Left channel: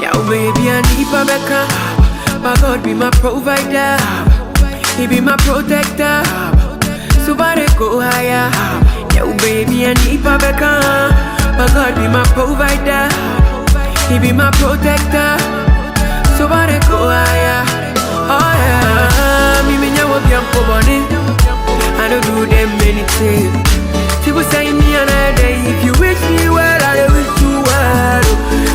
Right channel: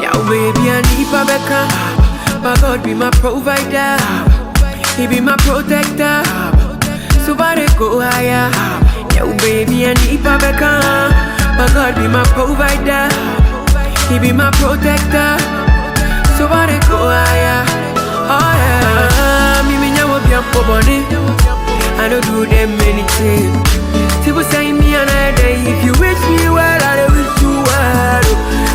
Yeah, baby, I need my Becca. My God be my provider. He be my protector. So far they go higher. Yeah, baby, I need my Becca. My God be my provider. He be my protector. So far they go higher. Oh yeah, me nyawo biampo boni. I don't do them anything. People say me another day. If you wish me well, I wish you well.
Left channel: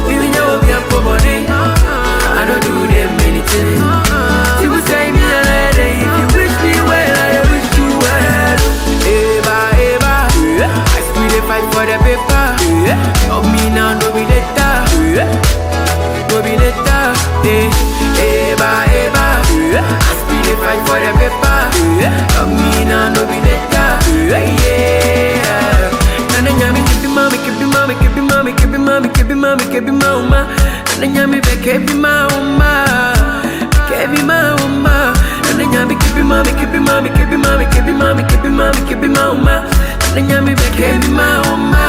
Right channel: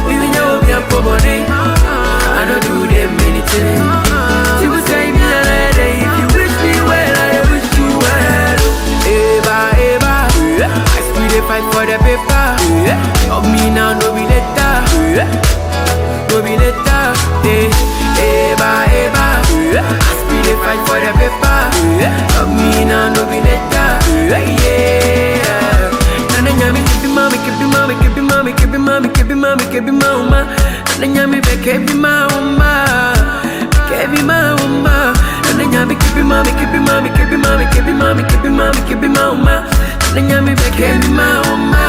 Me nyawo biampo boni. I don't do them anything. People say me another day. If you wish me well, I wish you well. Eva, Eva, I still dey fight for the paper. Of me now, no be later. No be later. Eva, Eva, I still dey fight for the paper. Of me now, no be later. Yeah. Nana nyami kebi mama, kebi mama, kebi mama, kebi mama, kebi mama, kebi mama. Nana nyami be kebi mama, kebi mama. Nana nyami kebi mama, kebi mama, kebi mama, kebi mama, kebi mama, kebi mama. Nana nyami be kebi mama.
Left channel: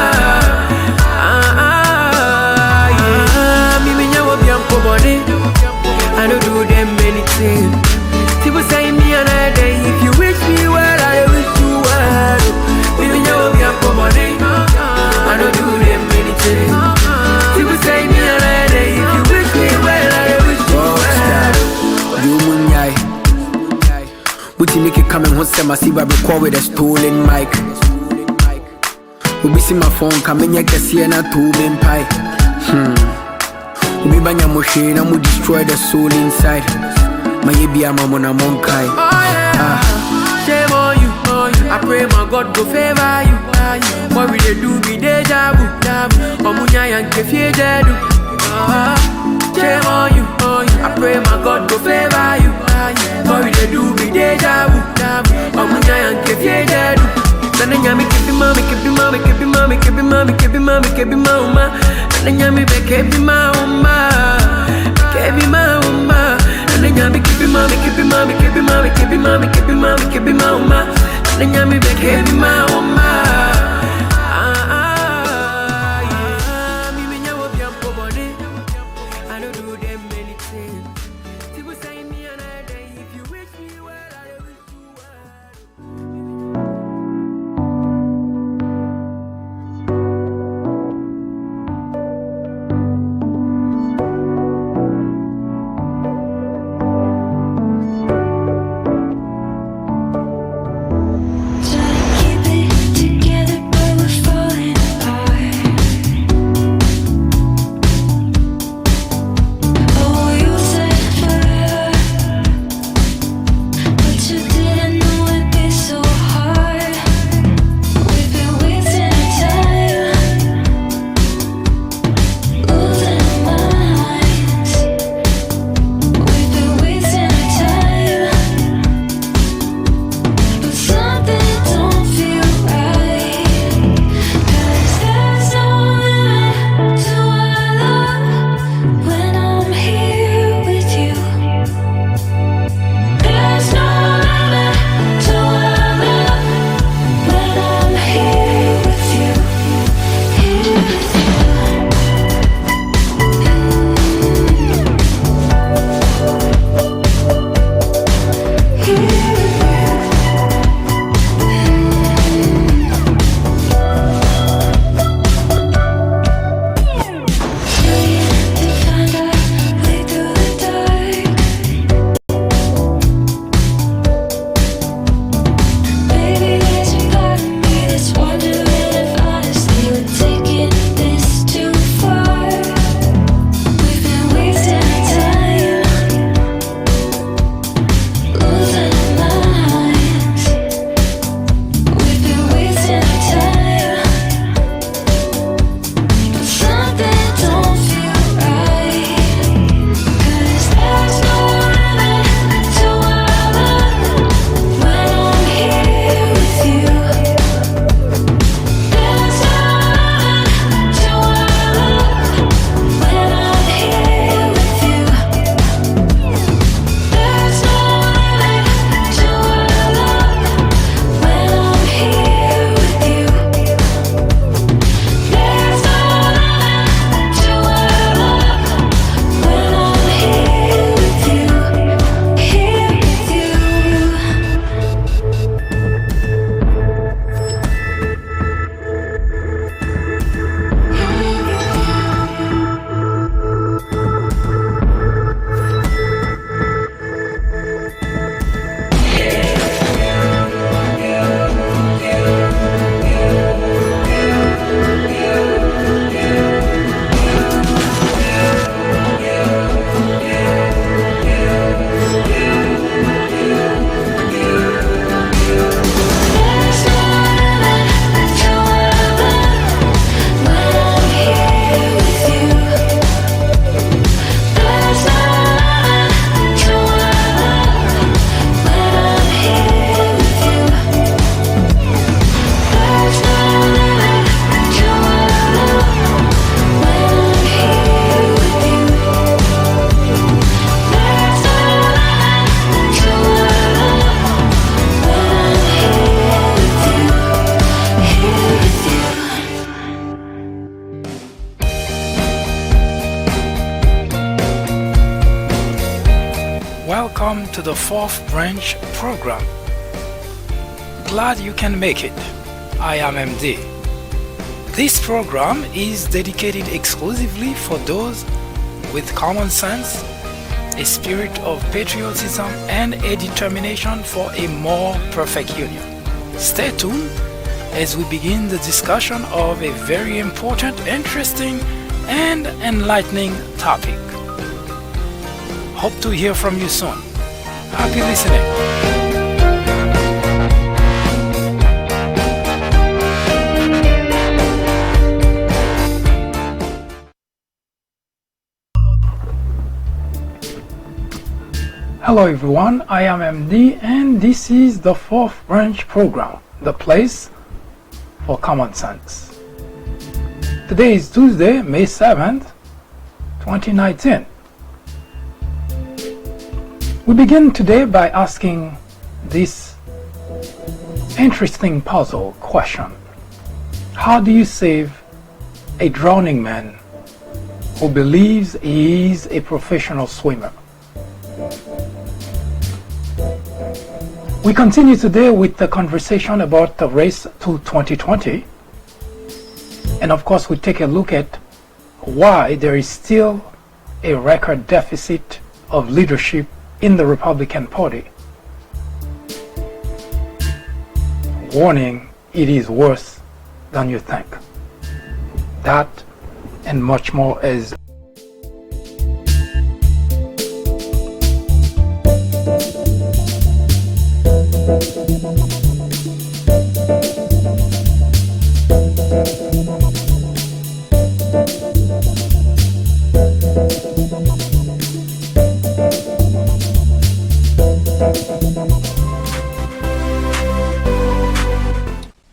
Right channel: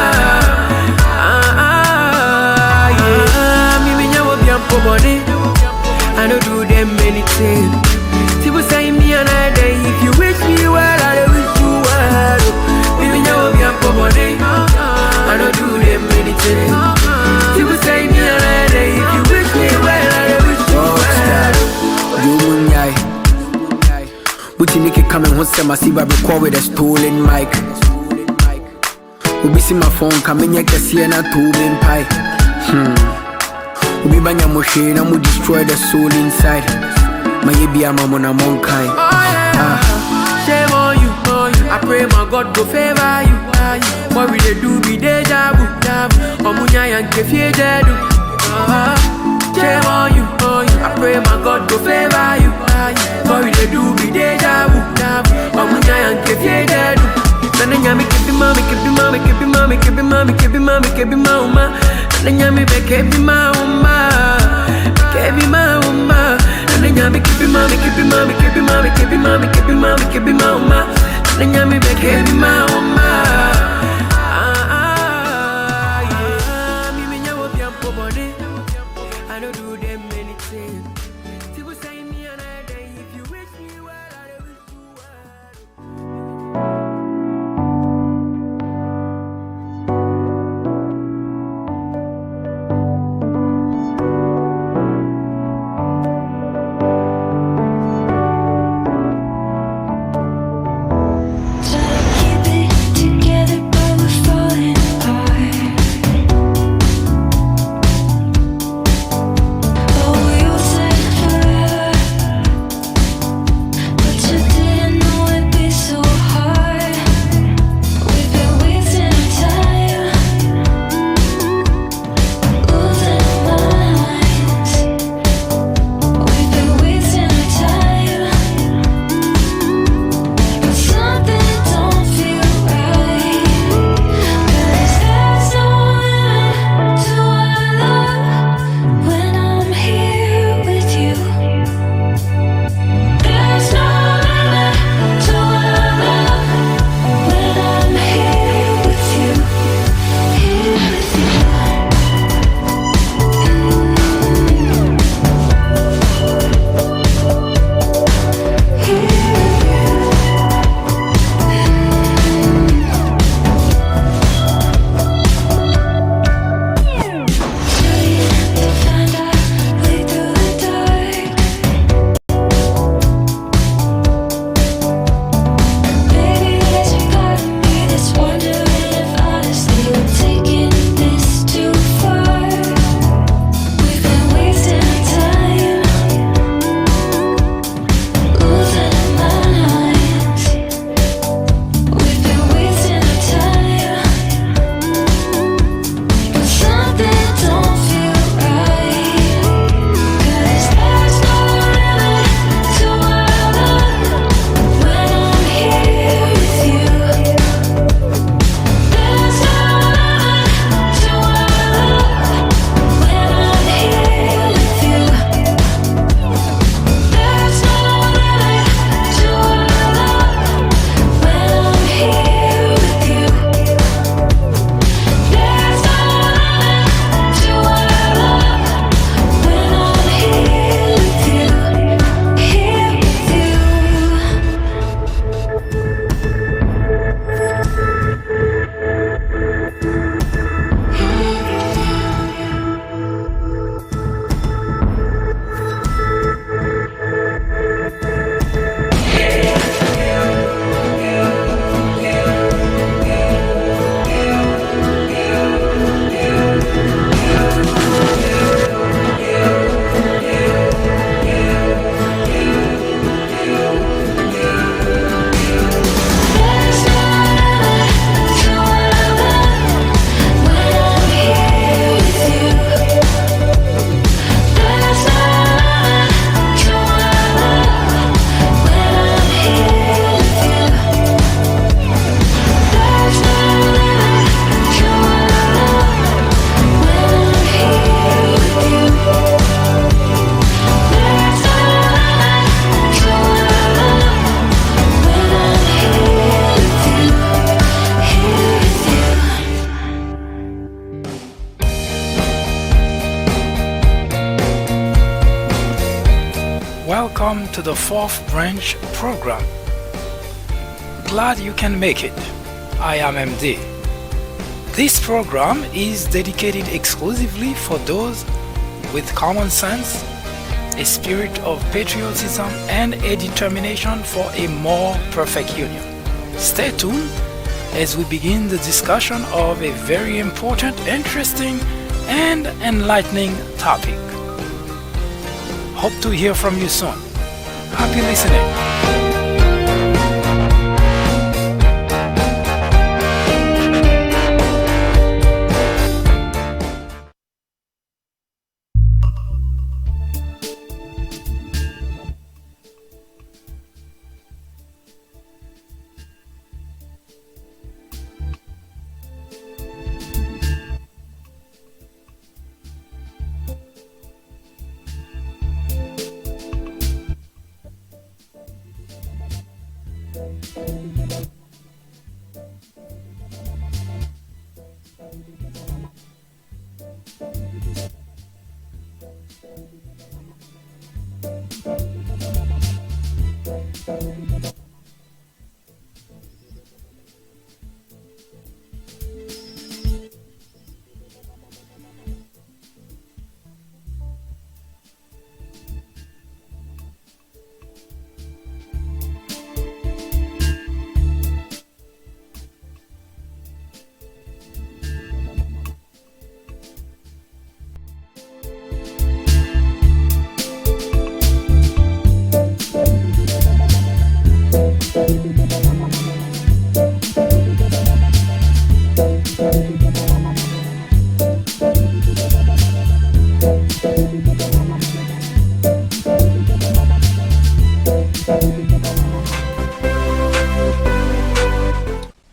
Me nyawo biampo body. I don't do them anything. People say me another day. If you wish me well, I wish you well. Me nyawo biampo body. I don't do them anything. People say me another day. If you wish me well, I wish you well. You munyai. Buti Nicky coming home, say my Siba record with a stolen mic. Ubi see my phone coming here, can see na two main pie. Ubi banya moshe na mu destroy the soul inside. My baby I'm on a monkai. Shame on you, I pray my God go favor you. What we dey do be deja vu. Omunya yanke fie jedu. Shame on you, I pray my God go favor you. What we dey do be deja vu. Omunya yanke fie jedu. Nana nyami kebi mama, kebi mama, kebi mama, kebi mama, kebi mama, kebi mama. Nana nyami be kebi mama, kebi mama. Nana nyami kebi mama, kebi mama, kebi mama, kebi mama, kebi mama, kebi mama. Nana nyami be kebi mama. Me nyawo biampo body. I don't do them anything. People say me another day. If you wish me well, I wish you well. Welcome to the fourth branch program. Glad you can make it. I am MD. This program is dedicated exclusively for those with common sense, a spirit of patriotism, and a determination for a more perfect union. Stay tuned as we begin the discussion of a very important, interesting, and enlightening topic. Hope to hear from you soon. Happy listening. Hello everyone, I am MD and this is the fourth branch program, the place for common sense. Today is Tuesday, May 7th, 2019. We begin today by asking this interesting puzzle question. How do you save a drowning man who believes he is a professional swimmer? We continue today with the conversation about the race to 2020. And of course, we take a look at why there is still a record deficit of leadership in the Republican Party. Warning, it is worse than you think. That and much more as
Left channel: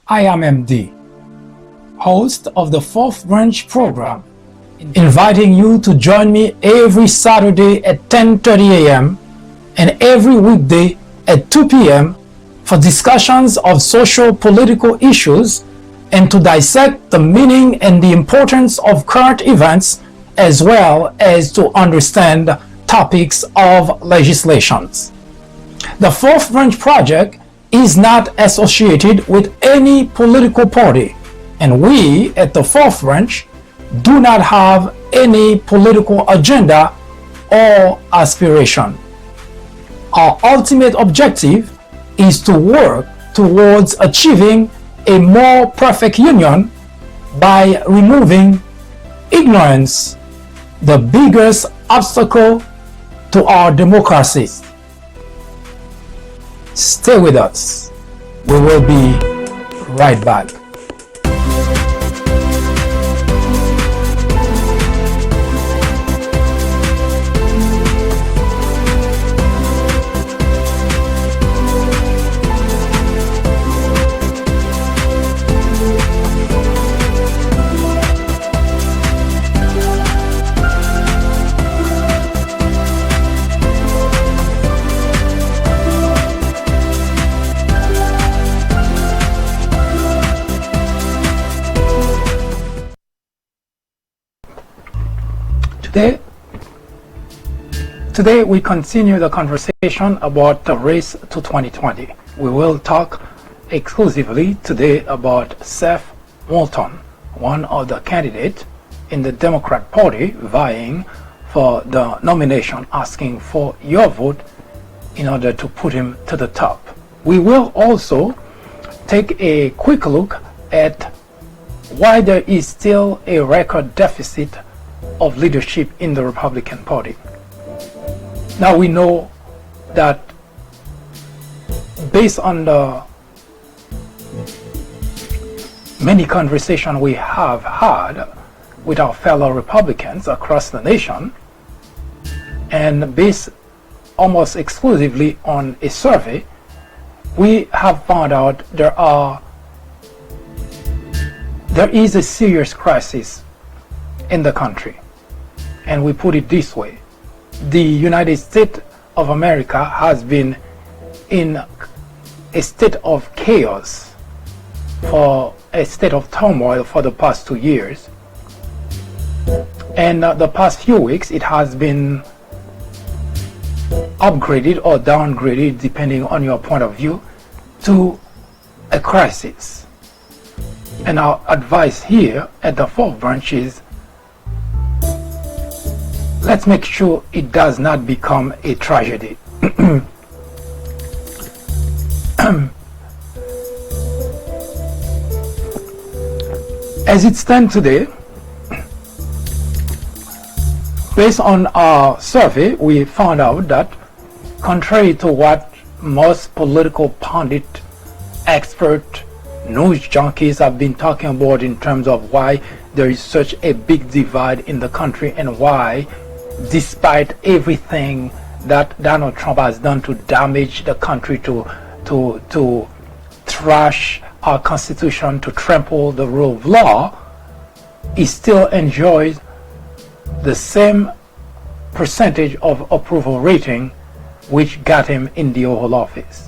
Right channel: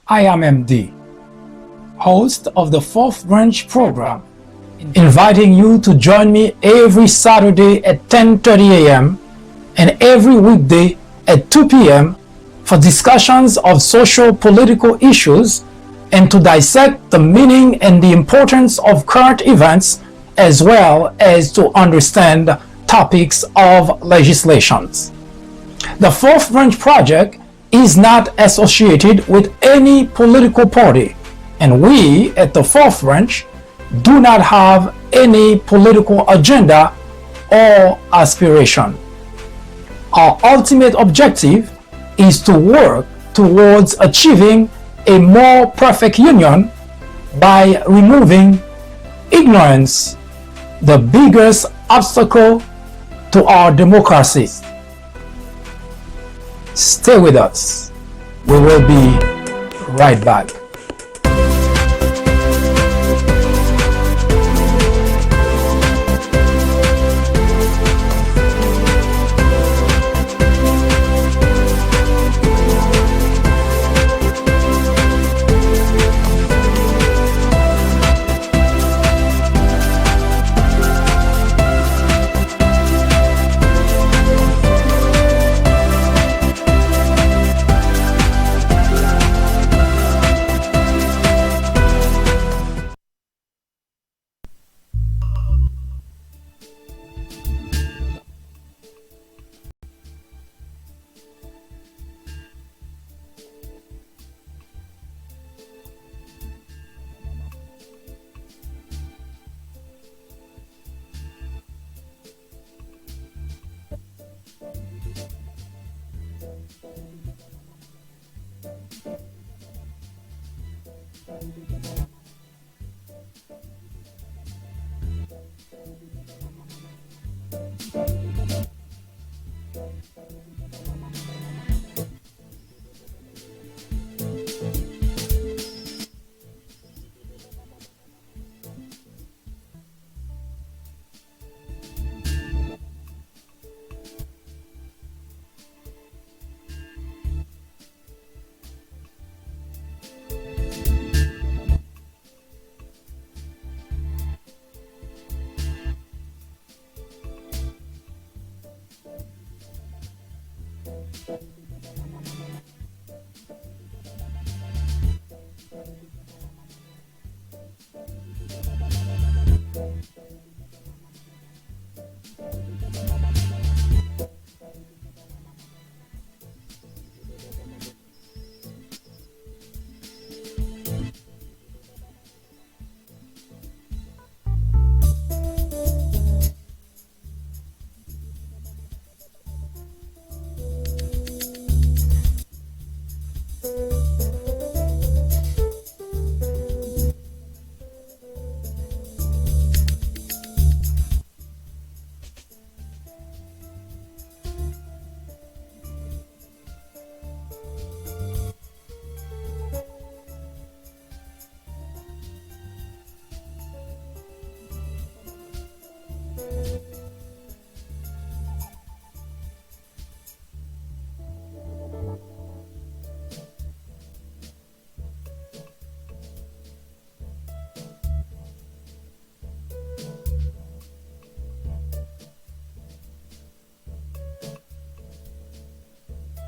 I am MD, host of the fourth branch program, inviting you to join me every Saturday at 10:30 a.m. and every weekday at 2 p.m. for discussions of social political issues and to dissect the meaning and the importance of current events as well as to understand topics of legislations. The Fourth Branch Project is not associated with any political party, and we at the Fourth Branch do not have any political agenda or aspiration. Our ultimate objective is to work towards achieving a more perfect union by removing ignorance, the biggest obstacle to our democracy. Stay with us. We will be right back. Today we continue the conversation about the race to 2020. We will talk exclusively today about SETH Moulton, one of the candidates in the Democrat Party vying for the nomination, asking for your vote in order to put him to the top. We will also take a quick look at why there is still a record deficit of leadership in the Republican Party. Now we know that based on the many conversations we have had with our fellow Republicans across the nation, and based almost exclusively on a survey, we have found out there is a serious crisis in the country. And we put it this way: the United States of America has been in a state of chaos, for a state of turmoil for the past 2 years. And the past few weeks, it has been upgraded or downgraded, depending on your point of view, to a crisis. And our advice here at the fourth branch is, let's make sure it does not become a tragedy. As it stands today, based on our survey, we found out that contrary to what most political pundit, expert, news junkies have been talking about in terms of why there is such a big divide in the country and why, despite everything that Donald Trump has done to damage the country, to trash our Constitution, to trample the rule of law, he still enjoys the same percentage of approval rating which got him in the Oval Office.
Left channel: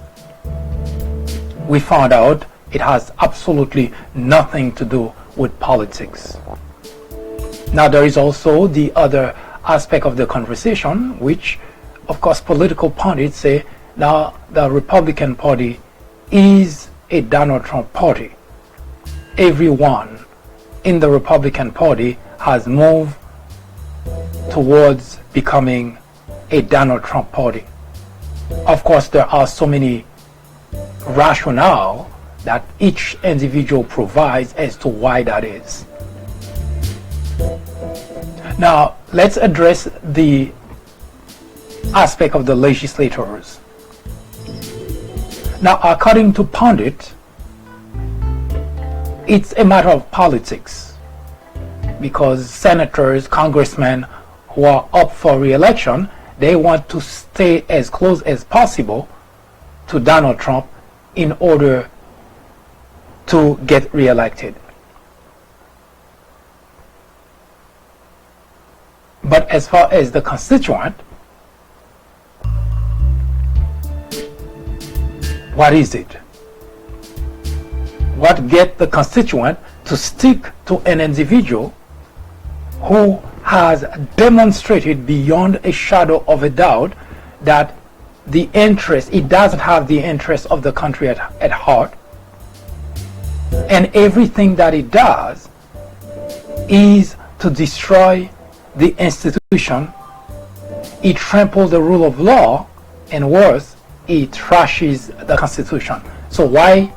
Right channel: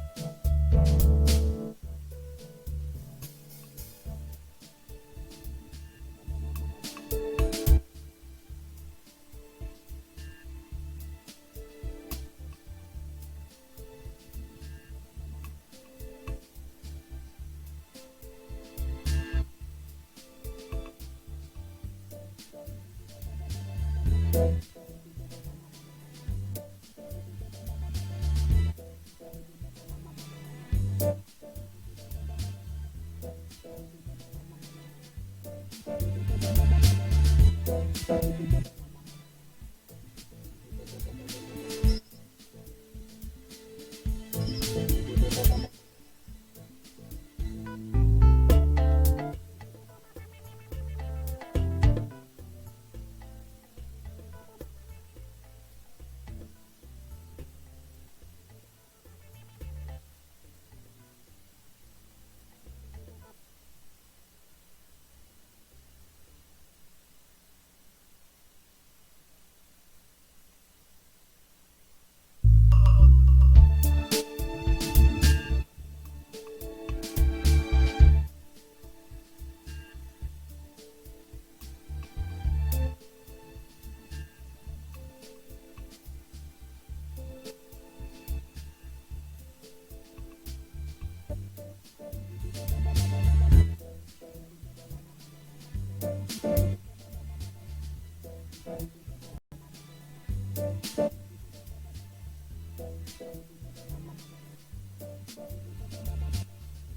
We found out it has absolutely nothing to do with politics. Now, there is also the other aspect of the conversation, which, of course, political pundits say now the Republican Party is a Donald Trump party. Everyone in the Republican Party has moved towards becoming a Donald Trump party. Of course, there are so many rationale that each individual provides as to why that is. Now, let's address the aspect of the legislators. Now, according to pundit, it's a matter of politics, because senators, congressmen who are up for re-election, they want to stay as close as possible to Donald Trump in order to get re-elected. But as far as the constituent, what is it? What gets the constituent to stick to an individual who has demonstrated beyond a shadow of a doubt that it doesn't have the interest of the country at heart, and everything that it does is to destroy the institution. It tramples the rule of law, and worse, it trashes the Constitution. So why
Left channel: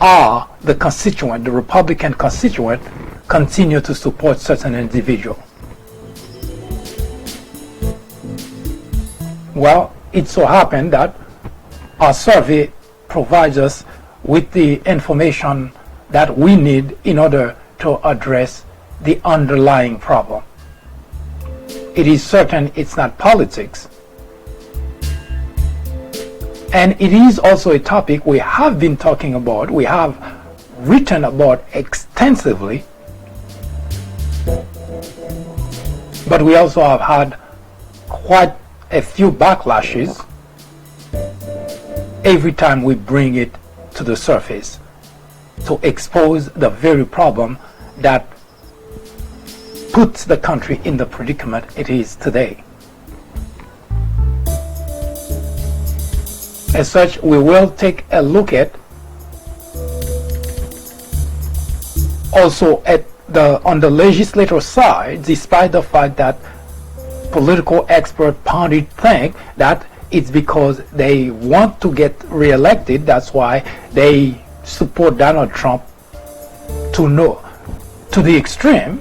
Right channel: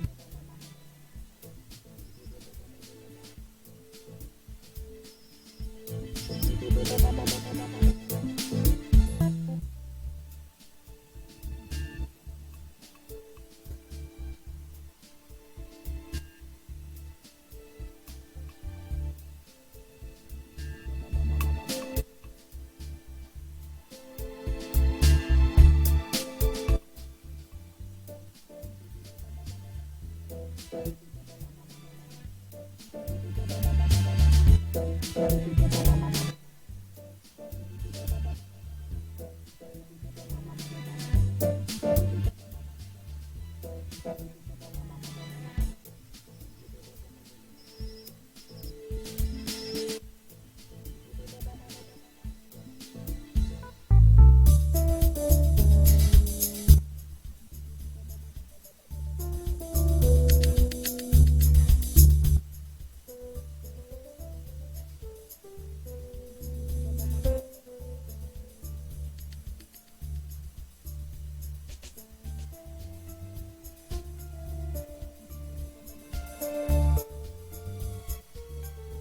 are the constituent, the Republican constituent, continue to support such an individual? Well, it so happened that our survey provides us with the information that we need in order to address the underlying problem. It is certain it's not politics. And it is also a topic we have been talking about, we have written about extensively, but we also have had quite a few backlashes every time we bring it to the surface to expose the very problem that puts the country in the predicament it is today. As such, we will take a look at also on the legislature side, despite the fact that political expert pundits think that it's because they want to get re-elected, that's why they support Donald Trump to the extreme.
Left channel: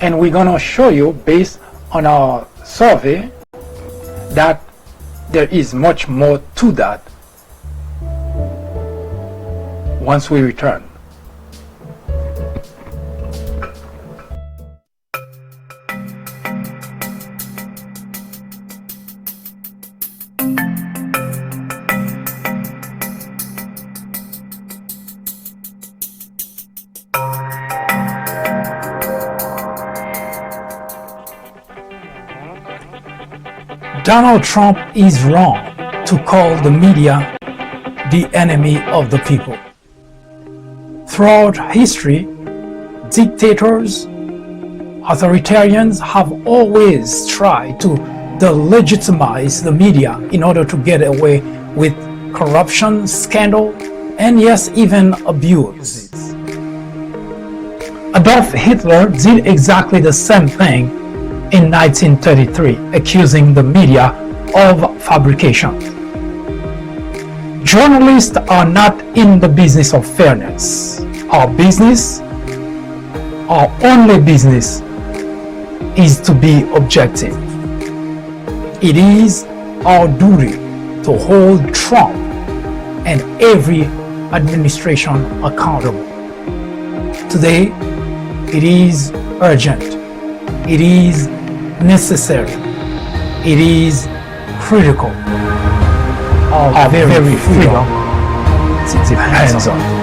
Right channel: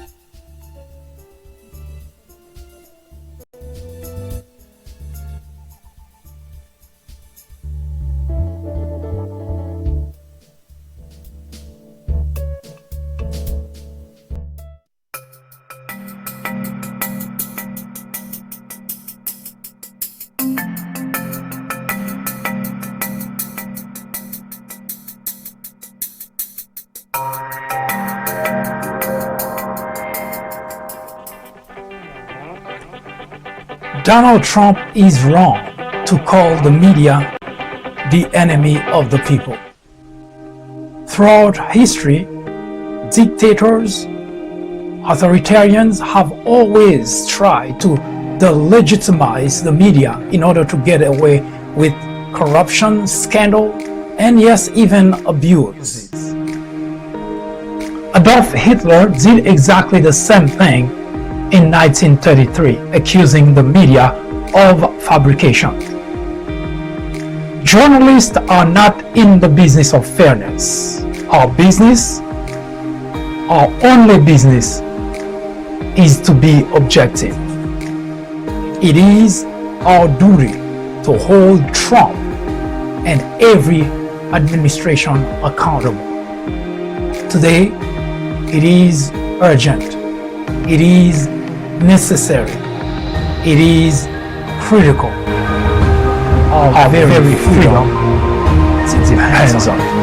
And we're going to show you, based on our survey, that there is much more to that once we return. Donald Trump is wrong to call the media the enemy of the people. Throughout history, dictators Authoritarians have always tried to delegitimize the media in order to get away with corruption, scandal, and yes, even abuse. Adolf Hitler did exactly the same thing in 1933, accusing the media of fabrication. Journalists are not in the business of fairness. Our only business, is to be objective. It is our duty to hold Trump and every administration accountable. Today, it is urgent. It is necessary. It is critical. Our very freedom depends on it.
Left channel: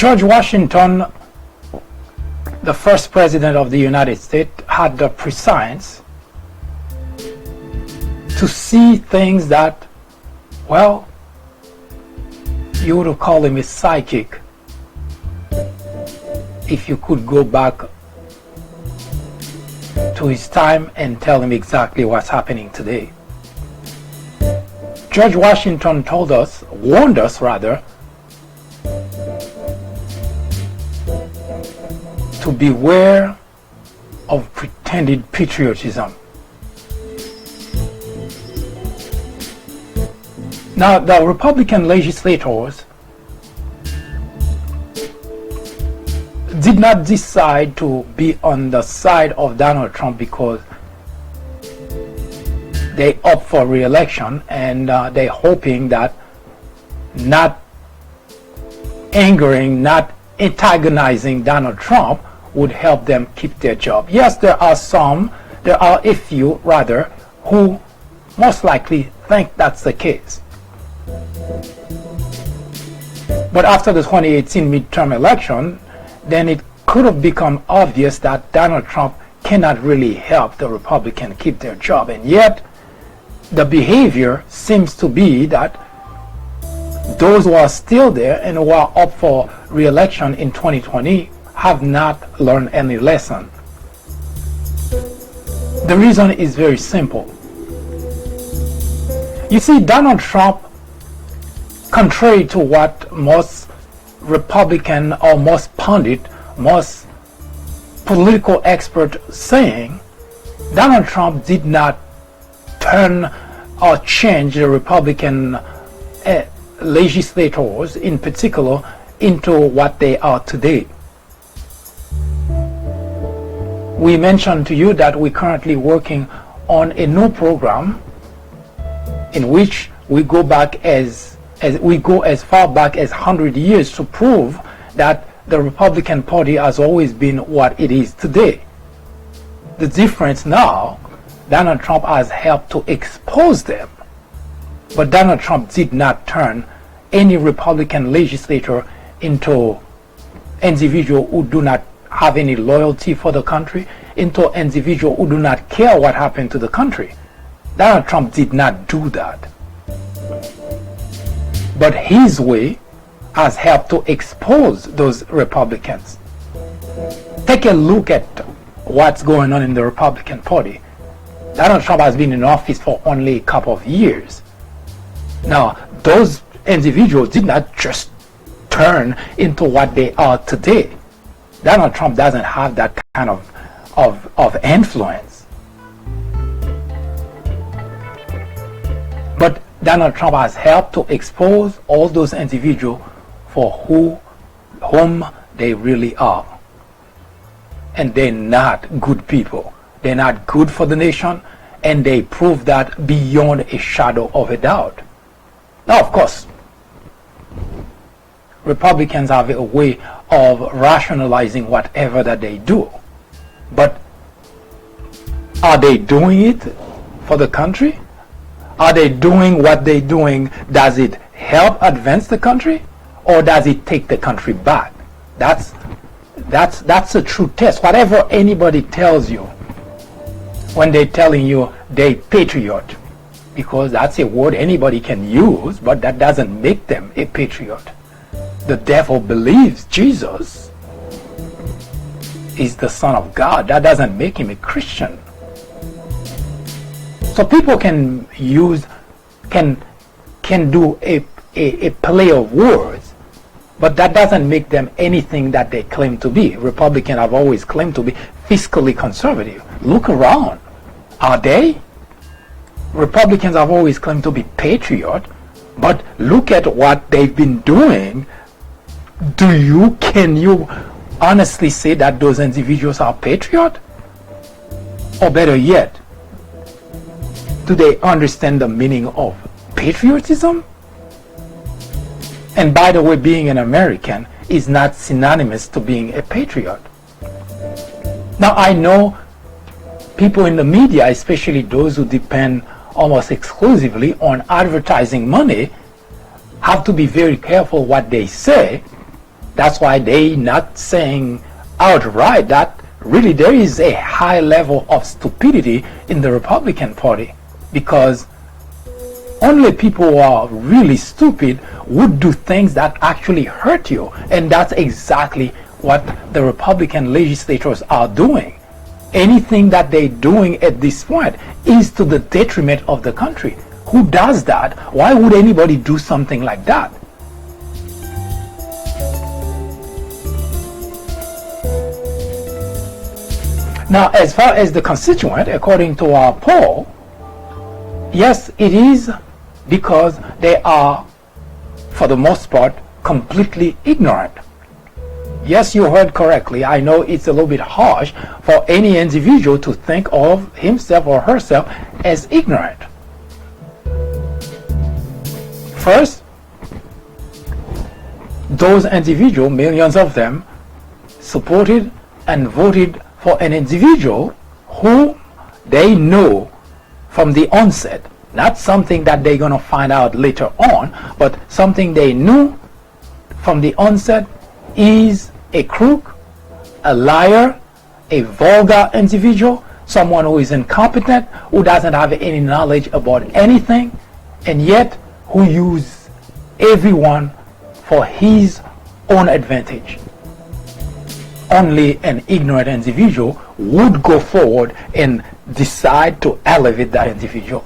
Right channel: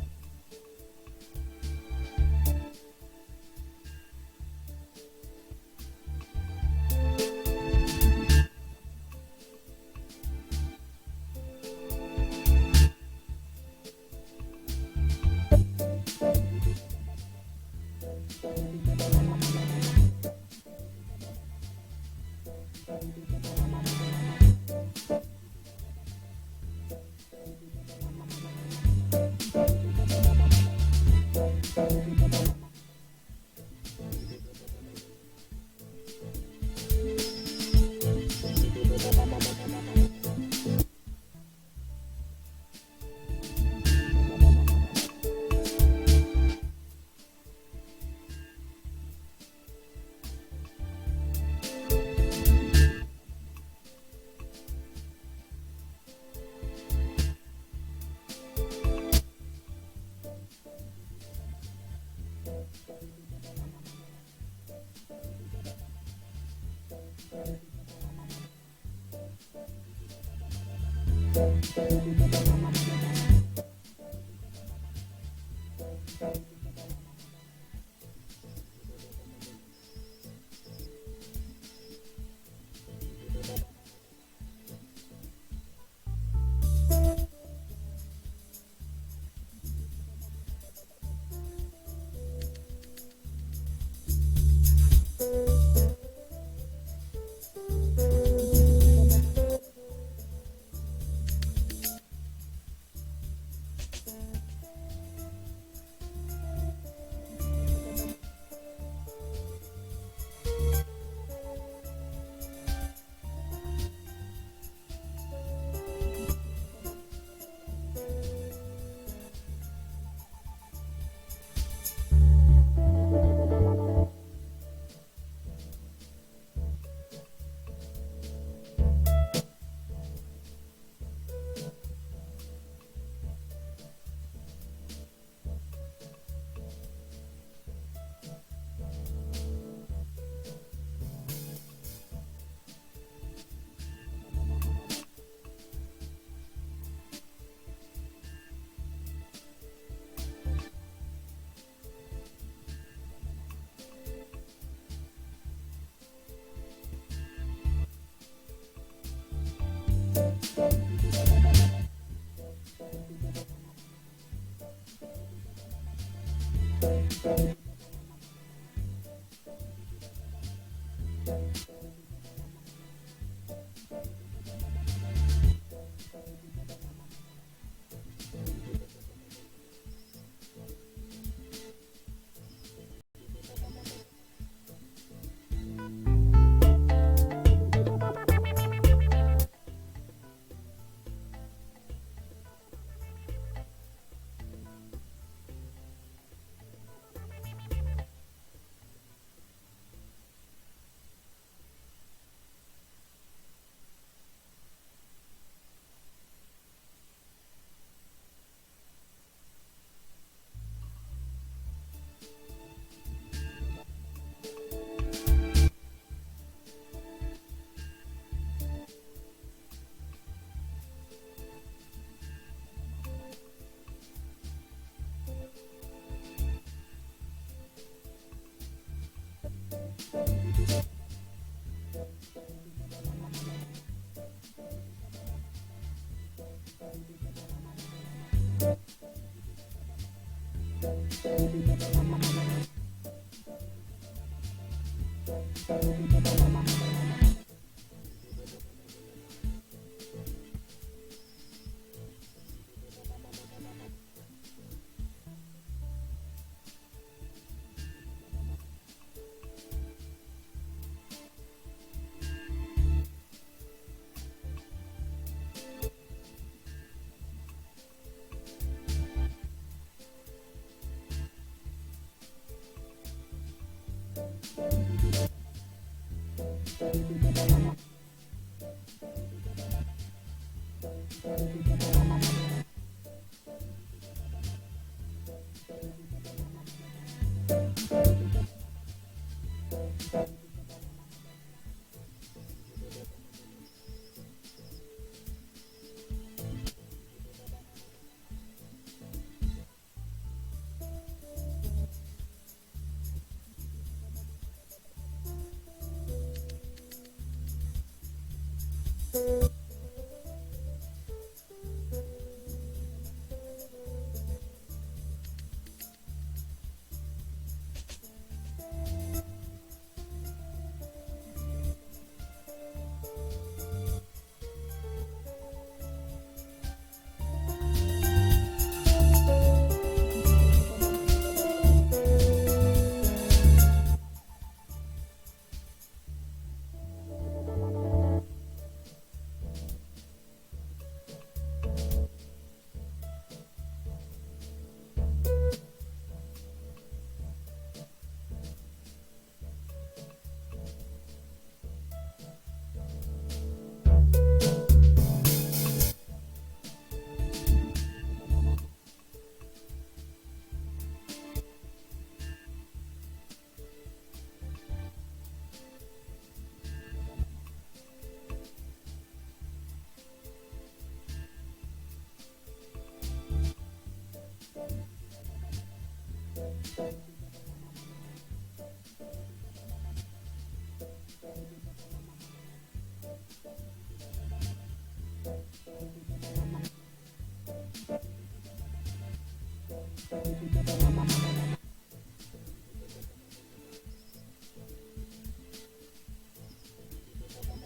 George Washington, the first president of the United States, had the prescience to see things that, well, you would call him a psychic if you could go back to his time and tell him exactly what's happening today. George Washington warned us, to beware of pretended patriotism. Now, the Republican legislators did not decide to be on the side of Donald Trump because they opt for re-election, and they're hoping that not angering, not antagonizing Donald Trump would help them keep their job. Yes, there are a few who most likely think that's the case. But after the 2018 midterm election, then it could have become obvious that Donald Trump cannot really help the Republicans keep their job. And yet, the behavior seems to be that those who are still there and who are up for re-election in 2020 have not learned any lesson. The reason is very simple. You see, Donald Trump, contrary to what most Republican or most pundit, most political expert saying, Donald Trump did not turn or change the Republican legislators in particular into what they are today. We mentioned to you that we're currently working on a new program in which we go back as far back as 100 years to prove that the Republican Party has always been what it is today. The difference now, Donald Trump has helped to expose them, but Donald Trump did not turn any Republican legislator into individuals who do not have any loyalty for the country, into individuals who do not care what happened to the country. Donald Trump did not do that. But his way has helped to expose those Republicans. Take a look at what's going on in the Republican Party. Donald Trump has been in office for only a couple of years. Now, those individuals did not just turn into what they are today. Donald Trump doesn't have that kind of influence. But Donald Trump has helped to expose all those individuals for whom they really are. and they're not good people. They're not good for the nation, and they prove that beyond a shadow of a doubt. Now, of course, Republicans have a way of rationalizing whatever that they do. But are they doing it for the country? Are they doing what they're doing? Does it help advance the country, or does it take the country back? That's a true test. Whatever anybody tells you when they're telling you they're patriot, because that's a word anybody can use, but that doesn't make them a patriot. The devil believes Jesus is the Son of God. That doesn't make him a Christian. So people can do a play of words, but that doesn't make them anything that they claim to be. Republicans have always claimed to be fiscally conservative. Look around. Are they? Republicans have always claimed to be patriot, but look at what they've been doing. Can you honestly say that those individuals are patriot? Or better yet, do they understand the meaning of patriotism? And by the way, being an American is not synonymous to being a patriot. Now, I know people in the media, especially those who depend almost exclusively on advertising money, have to be very careful what they say. That's why they're not saying outright that really there is a high level of stupidity in the Republican Party, because only people who are really stupid would do things that actually hurt you, and that's exactly what the Republican legislators are doing. Anything that they're doing at this point is to the detriment of the country. Who does that? Why would anybody do something like that? Now, as far as the constituent, according to our poll, yes, it is because they are, for the most part, completely ignorant. Yes, you heard correctly. I know it's a little bit harsh for any individual to think of himself or herself as ignorant. First, those individuals, millions of them, supported and voted for an individual who they know from the onset, not something that they're going to find out later on, but something they knew from the onset is a crook, a liar, a vulgar individual, someone who is incompetent, who doesn't have any knowledge about anything, and yet who uses everyone for his own advantage. Only an ignorant individual would go forward and decide to elevate that individual.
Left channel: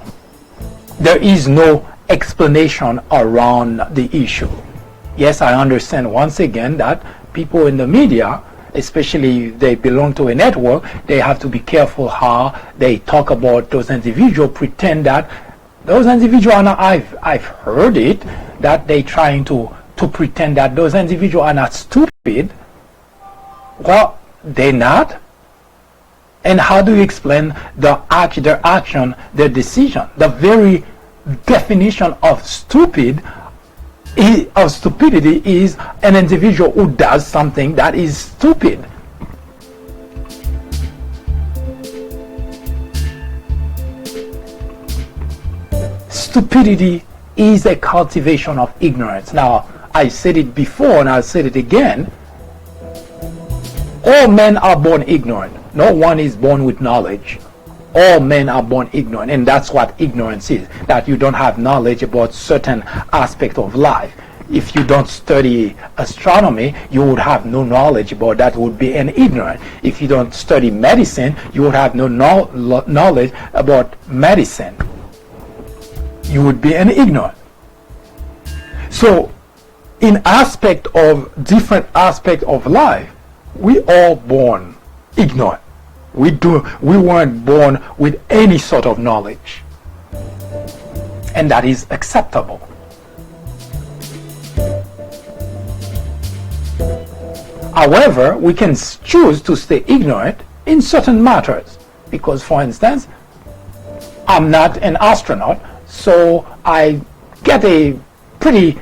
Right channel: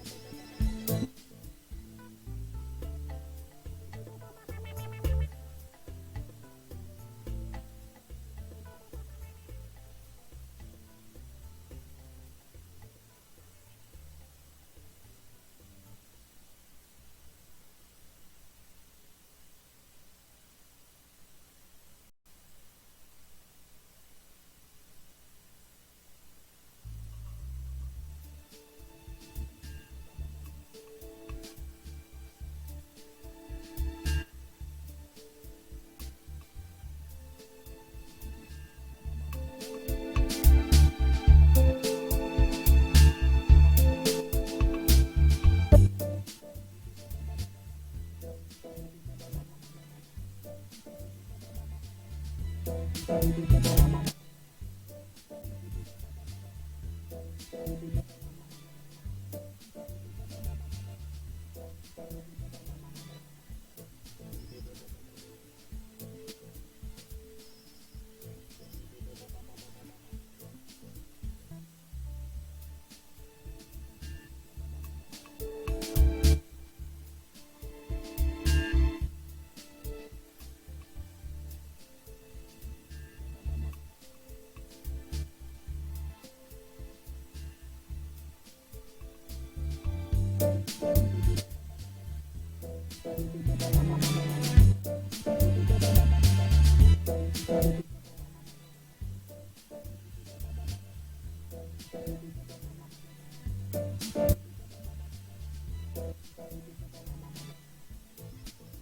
There is no explanation around the issue. Yes, I understand once again that people in the media, especially if they belong to a network, they have to be careful how they talk about those individuals, pretend that those individuals are not, I've heard it, that they're trying to pretend that those individuals are not stupid. Well, they're not. And how do you explain their action, their decision? The very definition of stupidity is an individual who does something that is stupid. Stupidity is a cultivation of ignorance. Now, I said it before and I'll say it again. All men are born ignorant. No one is born with knowledge. All men are born ignorant, and that's what ignorance is, that you don't have knowledge about certain aspect of life. If you don't study astronomy, you would have no knowledge about that, would be an ignorant. If you don't study medicine, you would have no knowledge about medicine. You would be an ignorant. So, in different aspect of life, we all born ignorant. We weren't born with any sort of knowledge, and that is acceptable. However, we can choose to stay ignorant in certain matters because, for instance, I'm not an astronaut, so I get a pretty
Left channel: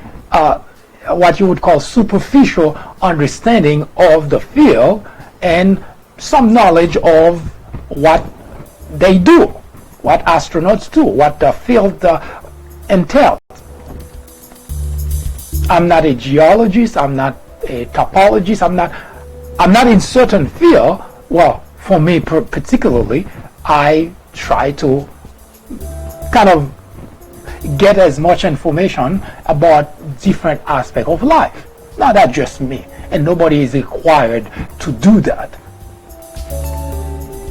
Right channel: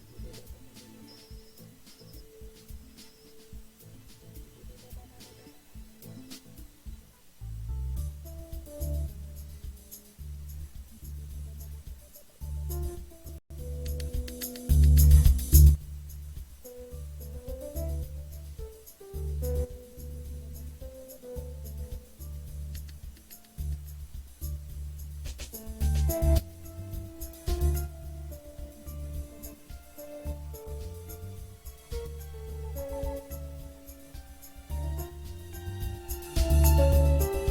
what you would call superficial understanding of the field and some knowledge of what they do, what astronauts do, what the field entails. I'm not a geologist, I'm not a topologist, I'm not in certain field. Well, for me particularly, I try to kind of get as much information about different aspects of life. Now that's just me, and nobody is required to do that.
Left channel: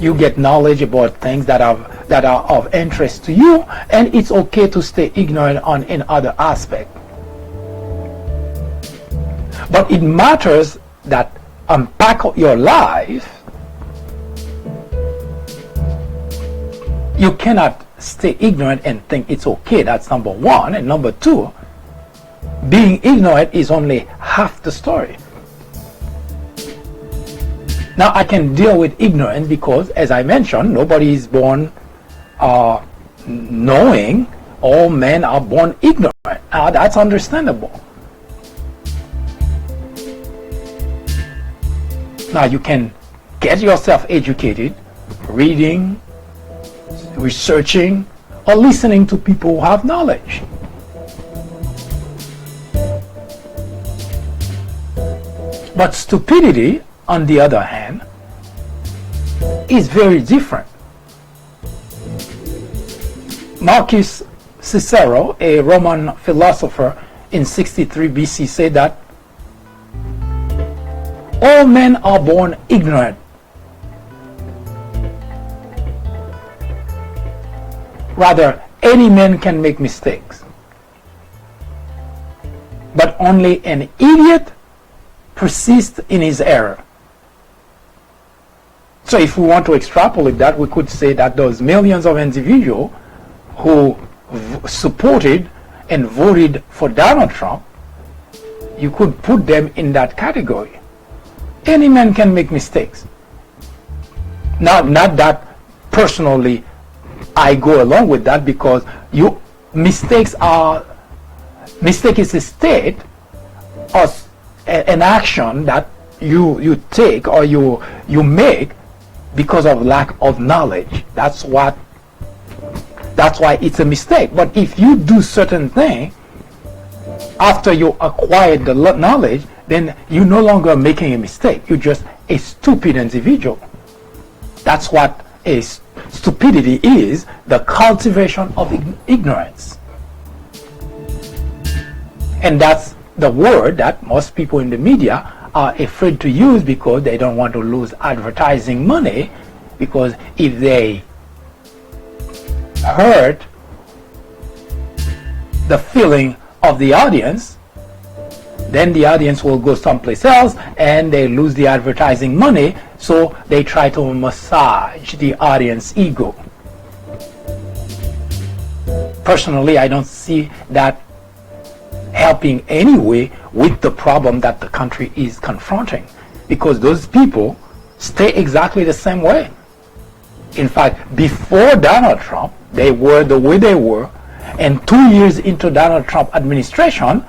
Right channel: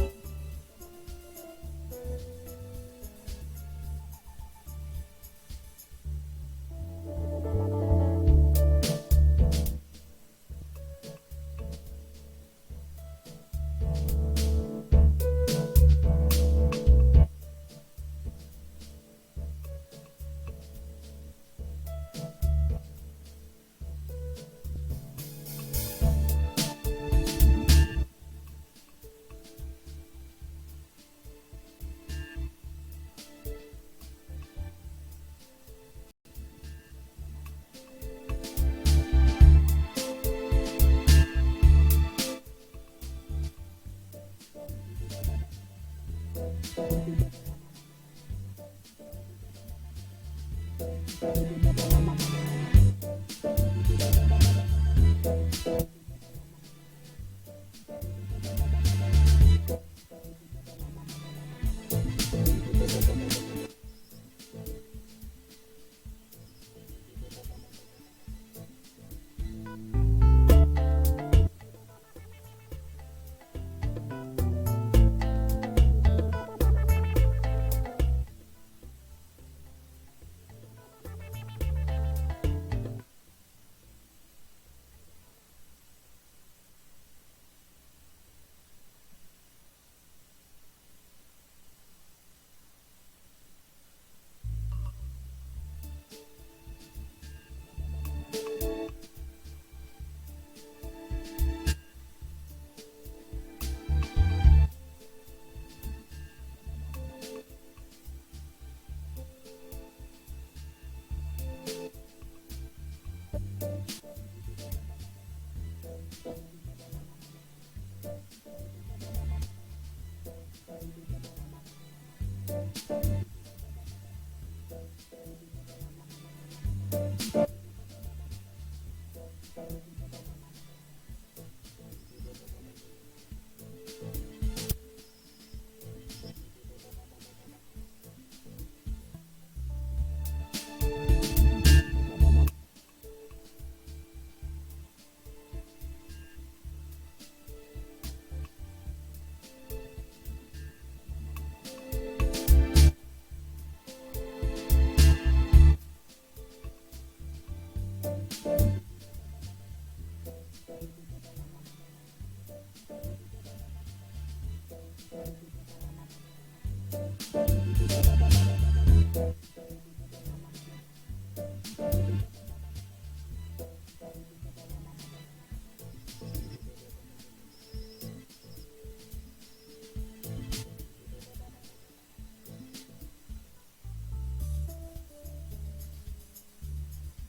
You get knowledge about things that are of interest to you, and it's okay to stay ignorant on in other aspects. But it matters that unpack your life. You cannot stay ignorant and think it's okay. That's number one. And number two, being ignorant is only half the story. Now I can deal with ignorance because, as I mentioned, nobody is born knowing. All men are born ignorant. Now that's understandable. Now you can get yourself educated, reading, researching, or listening to people who have knowledge. But stupidity, on the other hand, is very different. Marcus Cicero, a Roman philosopher in 63 BC, said that all men are born ignorant. Rather, any man can make mistakes. But only an idiot persists in his error. So if we want to extrapolate that, we could say that those millions of individuals who supported and voted for Donald Trump, you could put them in that category. Any man can make mistakes. Not that personally I go along with that, because mistake is a state or an action that you take or you make because of lack of knowledge. That's why it's a mistake. But if you do certain thing after you acquired the knowledge, then you're no longer making a mistake. You're just a stupid individual. That's what stupidity is, the cultivation of ignorance. And that's the word that most people in the media are afraid to use because they don't want to lose advertising money, because if they hurt the feeling of the audience, then the audience will go someplace else and they lose the advertising money, so they try to massage the audience ego. Personally, I don't see that helping anyway with the problem that the country is confronting, because those people stay exactly the same way. In fact, before Donald Trump, they were the way they were, and 2 years into Donald Trump administration,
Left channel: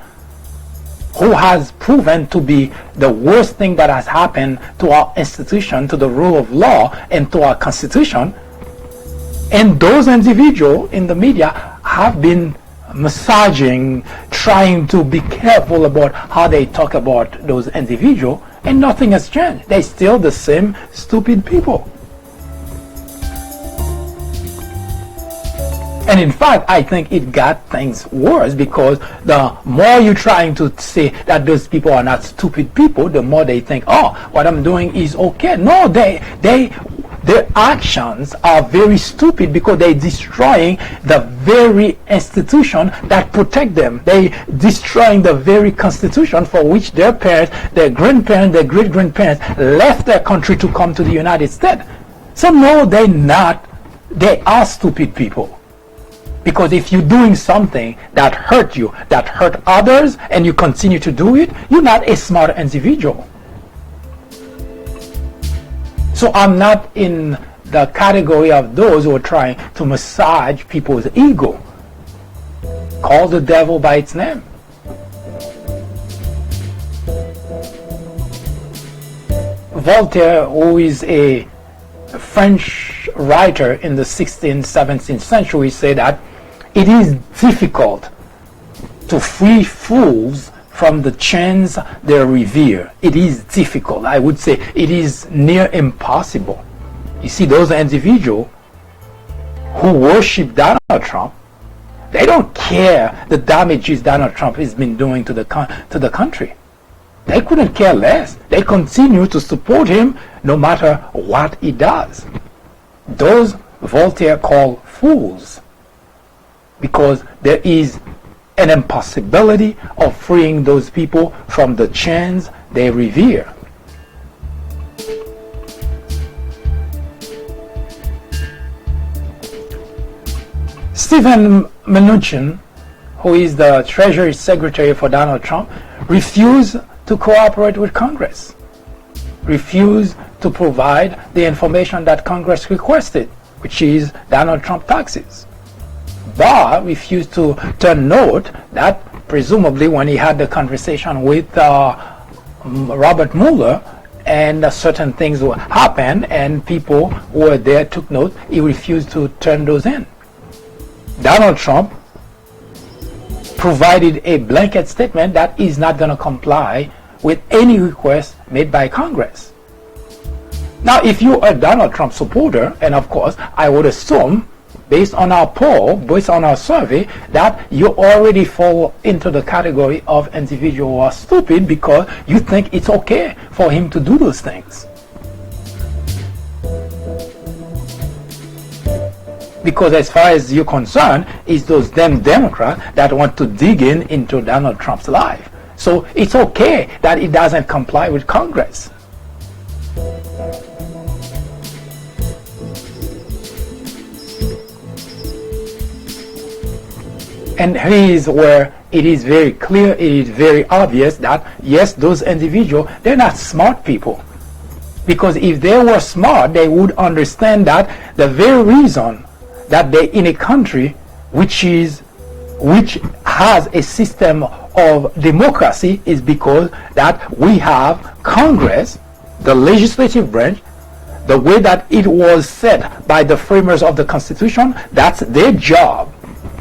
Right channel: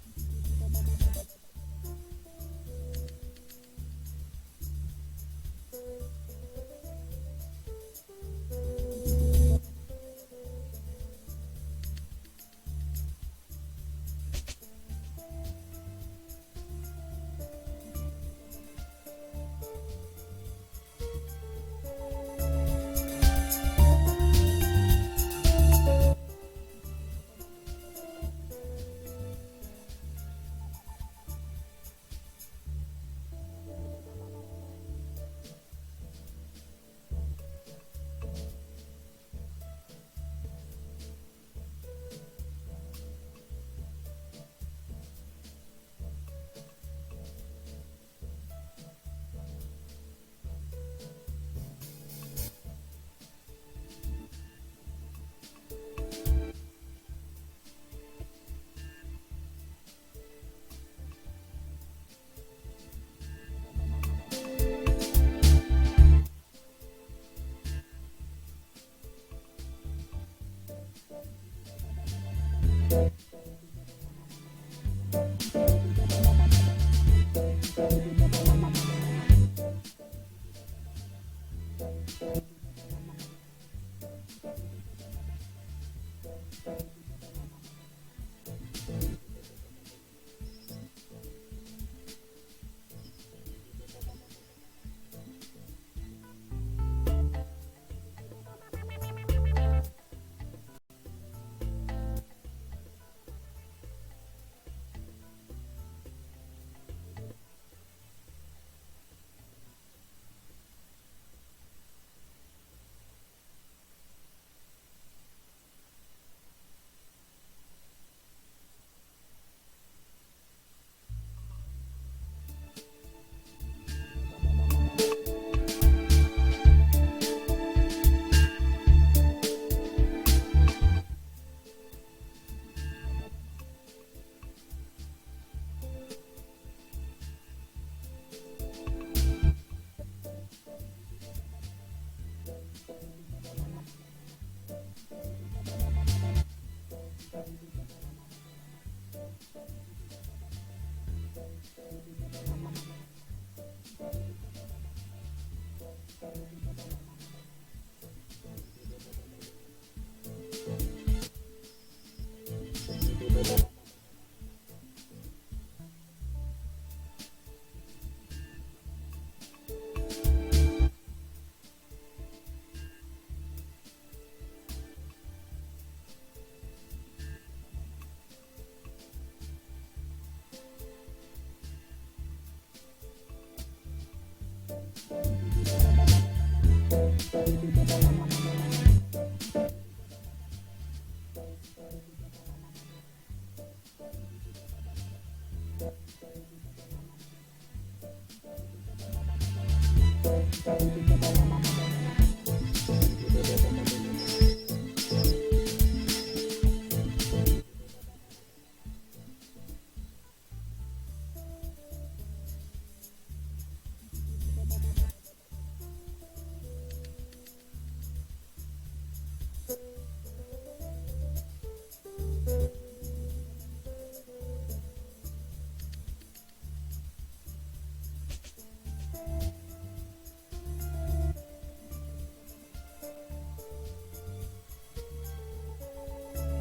who has proven to be the worst thing that has happened to our institution, to the rule of law, and to our constitution. And those individuals in the media have been massaging, trying to be careful about how they talk about those individuals, and nothing has changed. They're still the same stupid people. And in fact, I think it got things worse, because the more you're trying to say that those people are not stupid people, the more they think, oh, what I'm doing is okay. No, their actions are very stupid, because they're destroying the very institution that protect them. They're destroying the very constitution for which their parents, their grandparents, their great-grandparents left their country to come to the United States. So no, they're not. They are stupid people. Because if you're doing something that hurt you, that hurt others, and you continue to do it, you're not a smart individual. So I'm not in the category of those who are trying to massage people's ego. Call the devil by its name. Voltaire, who is a French writer in the 16th, 17th century, said that it is difficult to free fools from the chains they revere. It is difficult. I would say it is near impossible. You see, those individuals who worship Donald Trump, they don't care the damages Donald Trump has been doing to the country. They couldn't care less. They continue to support him no matter what he does. Those Voltaire called fools, because there is an impossibility of freeing those people from the chains they revere. Stephen Mnuchin, who is the Treasury Secretary for Donald Trump, refused to cooperate with Congress, refused to provide the information that Congress requested, which is Donald Trump taxes. Barr refused to turn note that presumably when he had the conversation with Robert Mueller and certain things would happen and people who were there took note, he refused to turn those in. Donald Trump provided a blanket statement that is not going to comply with any request made by Congress. Now, if you're a Donald Trump supporter, and of course, I would assume, based on our poll, based on our survey, that you already fall into the category of individuals who are stupid because you think it's okay for him to do those things. Because as far as you're concerned, it's those damn Democrats that want to dig into Donald Trump's life. So it's okay that it doesn't comply with Congress. And here is where it is very clear, it is very obvious that yes, those individuals, they're not smart people. Because if they were smart, they would understand that the very reason that they're in a country which has a system of democracy is because that we have Congress, the legislative branch, the way that it was set by the framers of the Constitution, that's their job.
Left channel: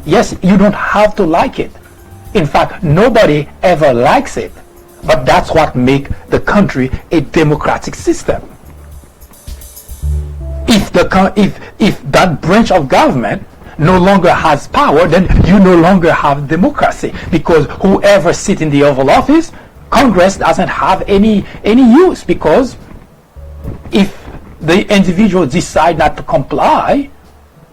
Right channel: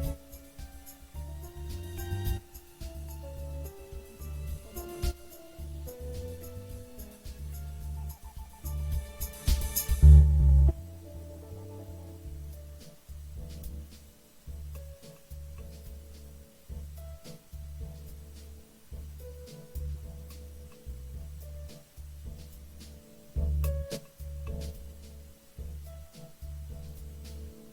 Yes, you don't have to like it. In fact, nobody ever likes it. But that's what makes the country a democratic system. If that branch of government no longer has power, then you no longer have democracy, because whoever sits in the Oval Office, Congress doesn't have any use, because if the individual decide not to comply,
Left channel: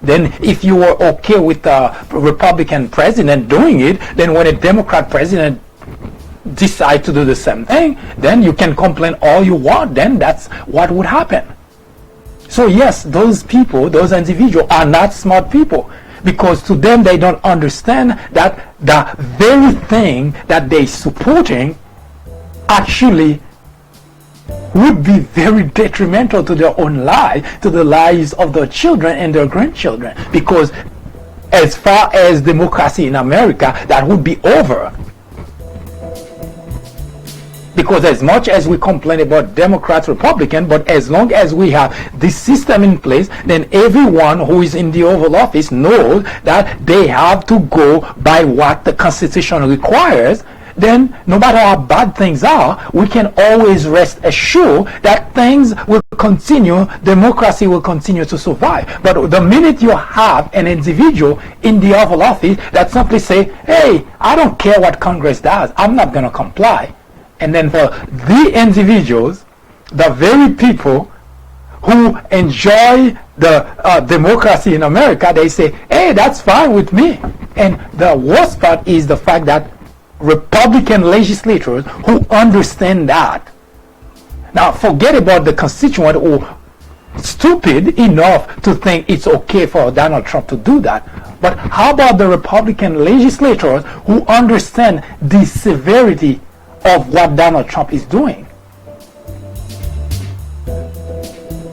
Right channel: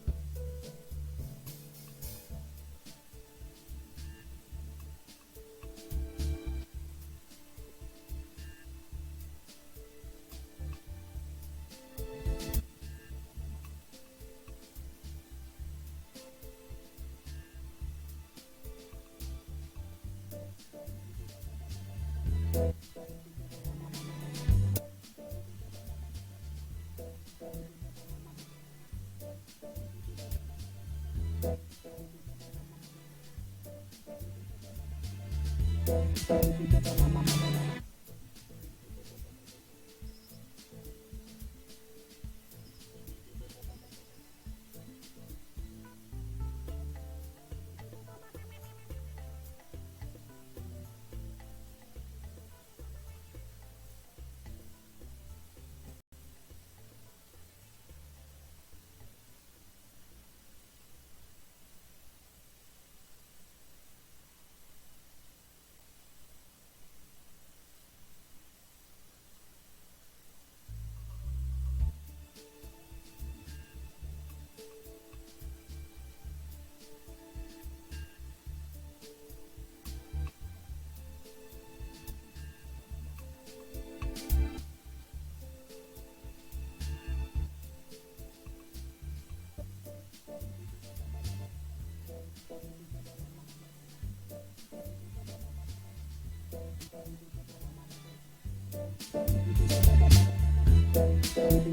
then if you were okay with the Republican president doing it, then when a Democrat president decide to do the same thing, then you can complain all you want, then that's what would happen. So yes, those people, those individuals are not smart people, because to them they don't understand that the very thing that they're supporting actually would be very detrimental to their own life, to the lives of their children and their grandchildren, because as far as democracy in America, that would be over. Because as much as we complain about Democrats, Republicans, but as long as we have this system in place, then everyone who is in the Oval Office knows that they have to go by what the Constitution requires. Then no matter how bad things are, we can always rest assured that things will continue, democracy will continue to survive. But the minute you have an individual in the Oval Office that simply say, hey, I don't care what Congress does, I'm not going to comply. And then for the individuals, the very people who enjoy the democracy in America, they say, hey, that's fine with me. And the worst part is the fact that Republican legislators who understand that. Now, forget about the constituent who are stupid enough to think it's okay for Donald Trump to do that. But how about the Republican legislators who understand the severity of what Donald Trump is doing?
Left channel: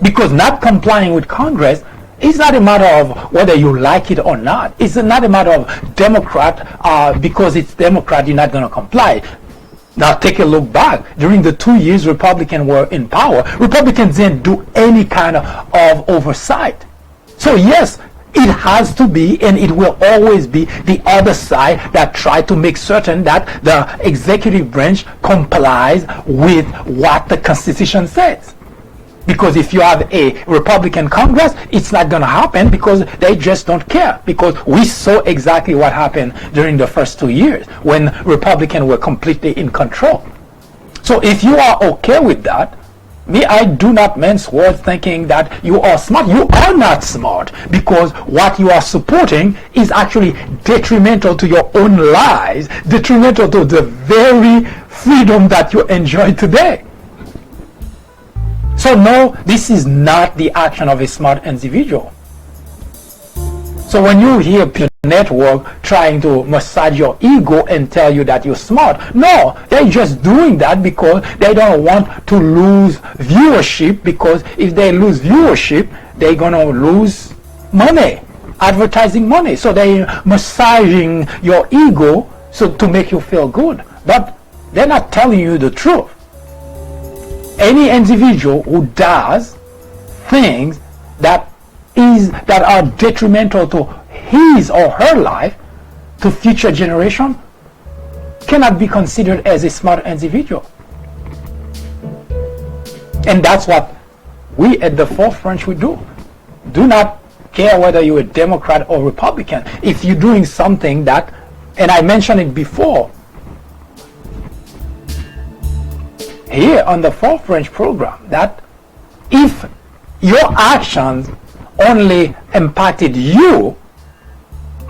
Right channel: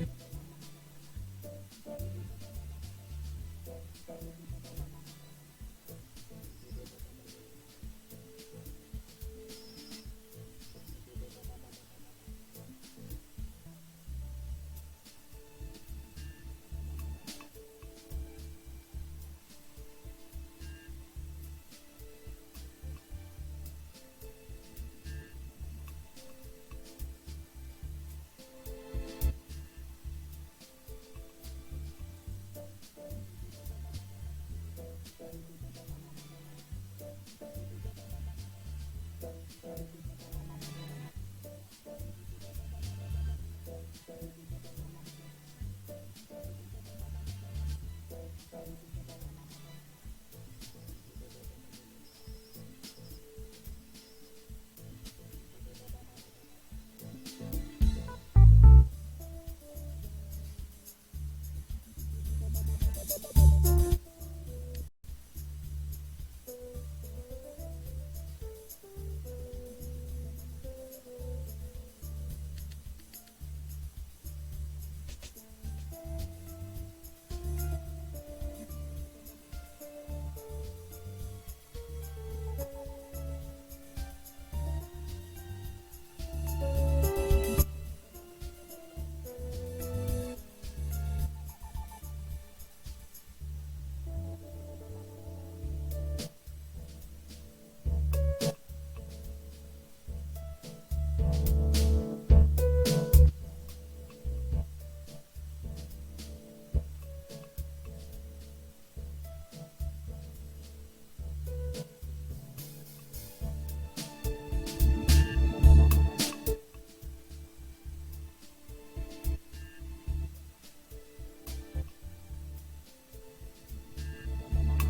Because not complying with Congress is not a matter of whether you like it or not. It's not a matter of Democrat, because it's Democrat, you're not going to comply. Now take a look back. During the 2 years Republicans were in power, Republicans didn't do any kind of oversight. So yes, it has to be, and it will always be, the other side that try to make certain that the executive branch complies with what the Constitution says. Because if you have a Republican Congress, it's not going to happen because they just don't care. Because we saw exactly what happened during the first 2 years when Republicans were completely in control. So if you are okay with that, I do not mince words thinking that you are smart. You are not smart, because what you are supporting is actually detrimental to your own lives, detrimental to the very freedom that you enjoy today. So no, this is not the action of a smart individual. So when you hear your network trying to massage your ego and tell you that you're smart, no, they're just doing that because they don't want to lose viewership, because if they lose viewership, they're going to lose money, advertising money. So they're massaging your ego so to make you feel good. But they're not telling you the truth. Any individual who does things that are detrimental to his or her life, to future generation, cannot be considered as a smart individual. And that's what we at the Fourth Branch would do. Do not care whether you're a Democrat or Republican. If you're doing something that, and I mentioned it before, here on the Fourth Branch program, that if your actions only impacted you,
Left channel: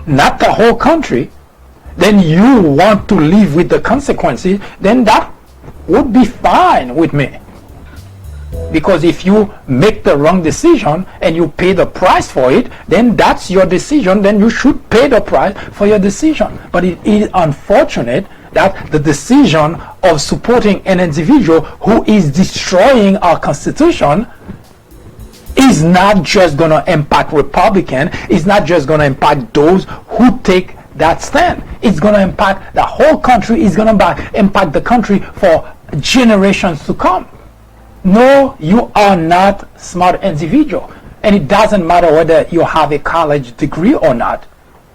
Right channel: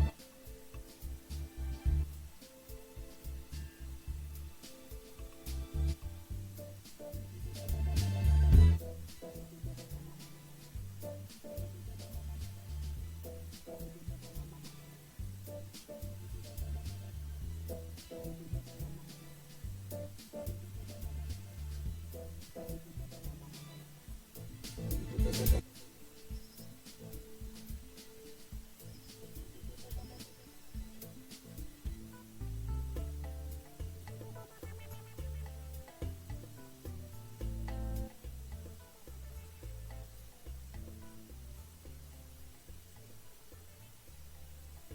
not the whole country, then you want to live with the consequences, then that would be fine with me. Because if you make the wrong decision and you pay the price for it, then that's your decision, then you should pay the price for your decision. But it is unfortunate that the decision of supporting an individual who is destroying our Constitution is not just going to impact Republicans, it's not just going to impact those who take that stand. It's going to impact the whole country, it's going to impact the country for generations to come. No, you are not a smart individual. And it doesn't matter whether you have a college degree or not,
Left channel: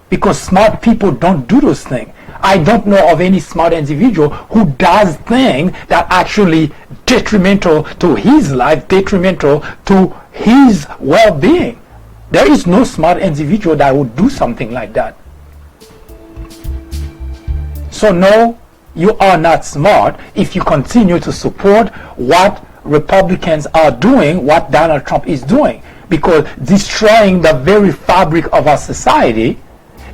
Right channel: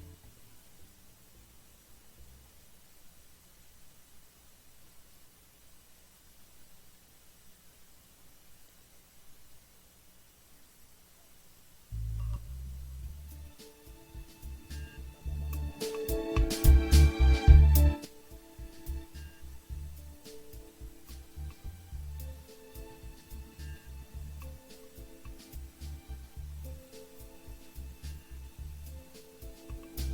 because smart people don't do those things. I don't know of any smart individual who does things that actually detrimental to his life, detrimental to his well-being. There is no smart individual that would do something like that. So no, you are not smart if you continue to support what Republicans are doing, what Donald Trump is doing, because destroying the very fabric of our society,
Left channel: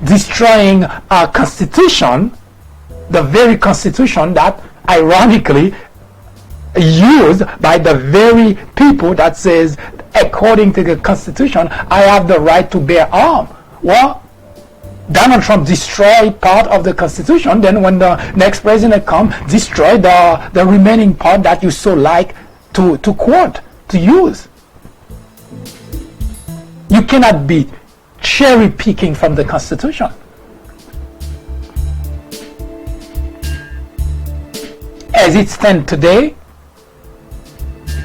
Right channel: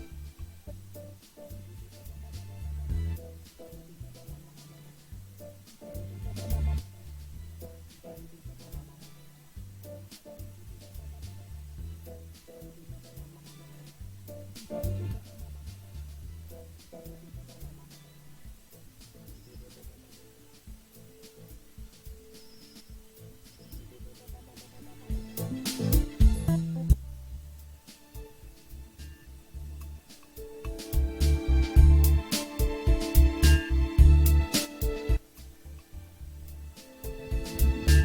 destroying our Constitution, the very Constitution that ironically used by the very people that says, according to the Constitution, I have the right to bear arms. Well, Donald Trump destroyed part of the Constitution, then when the next president comes, destroy the remaining part that you so like to quote, to use. You cannot be cherry picking from the Constitution. As it stands today,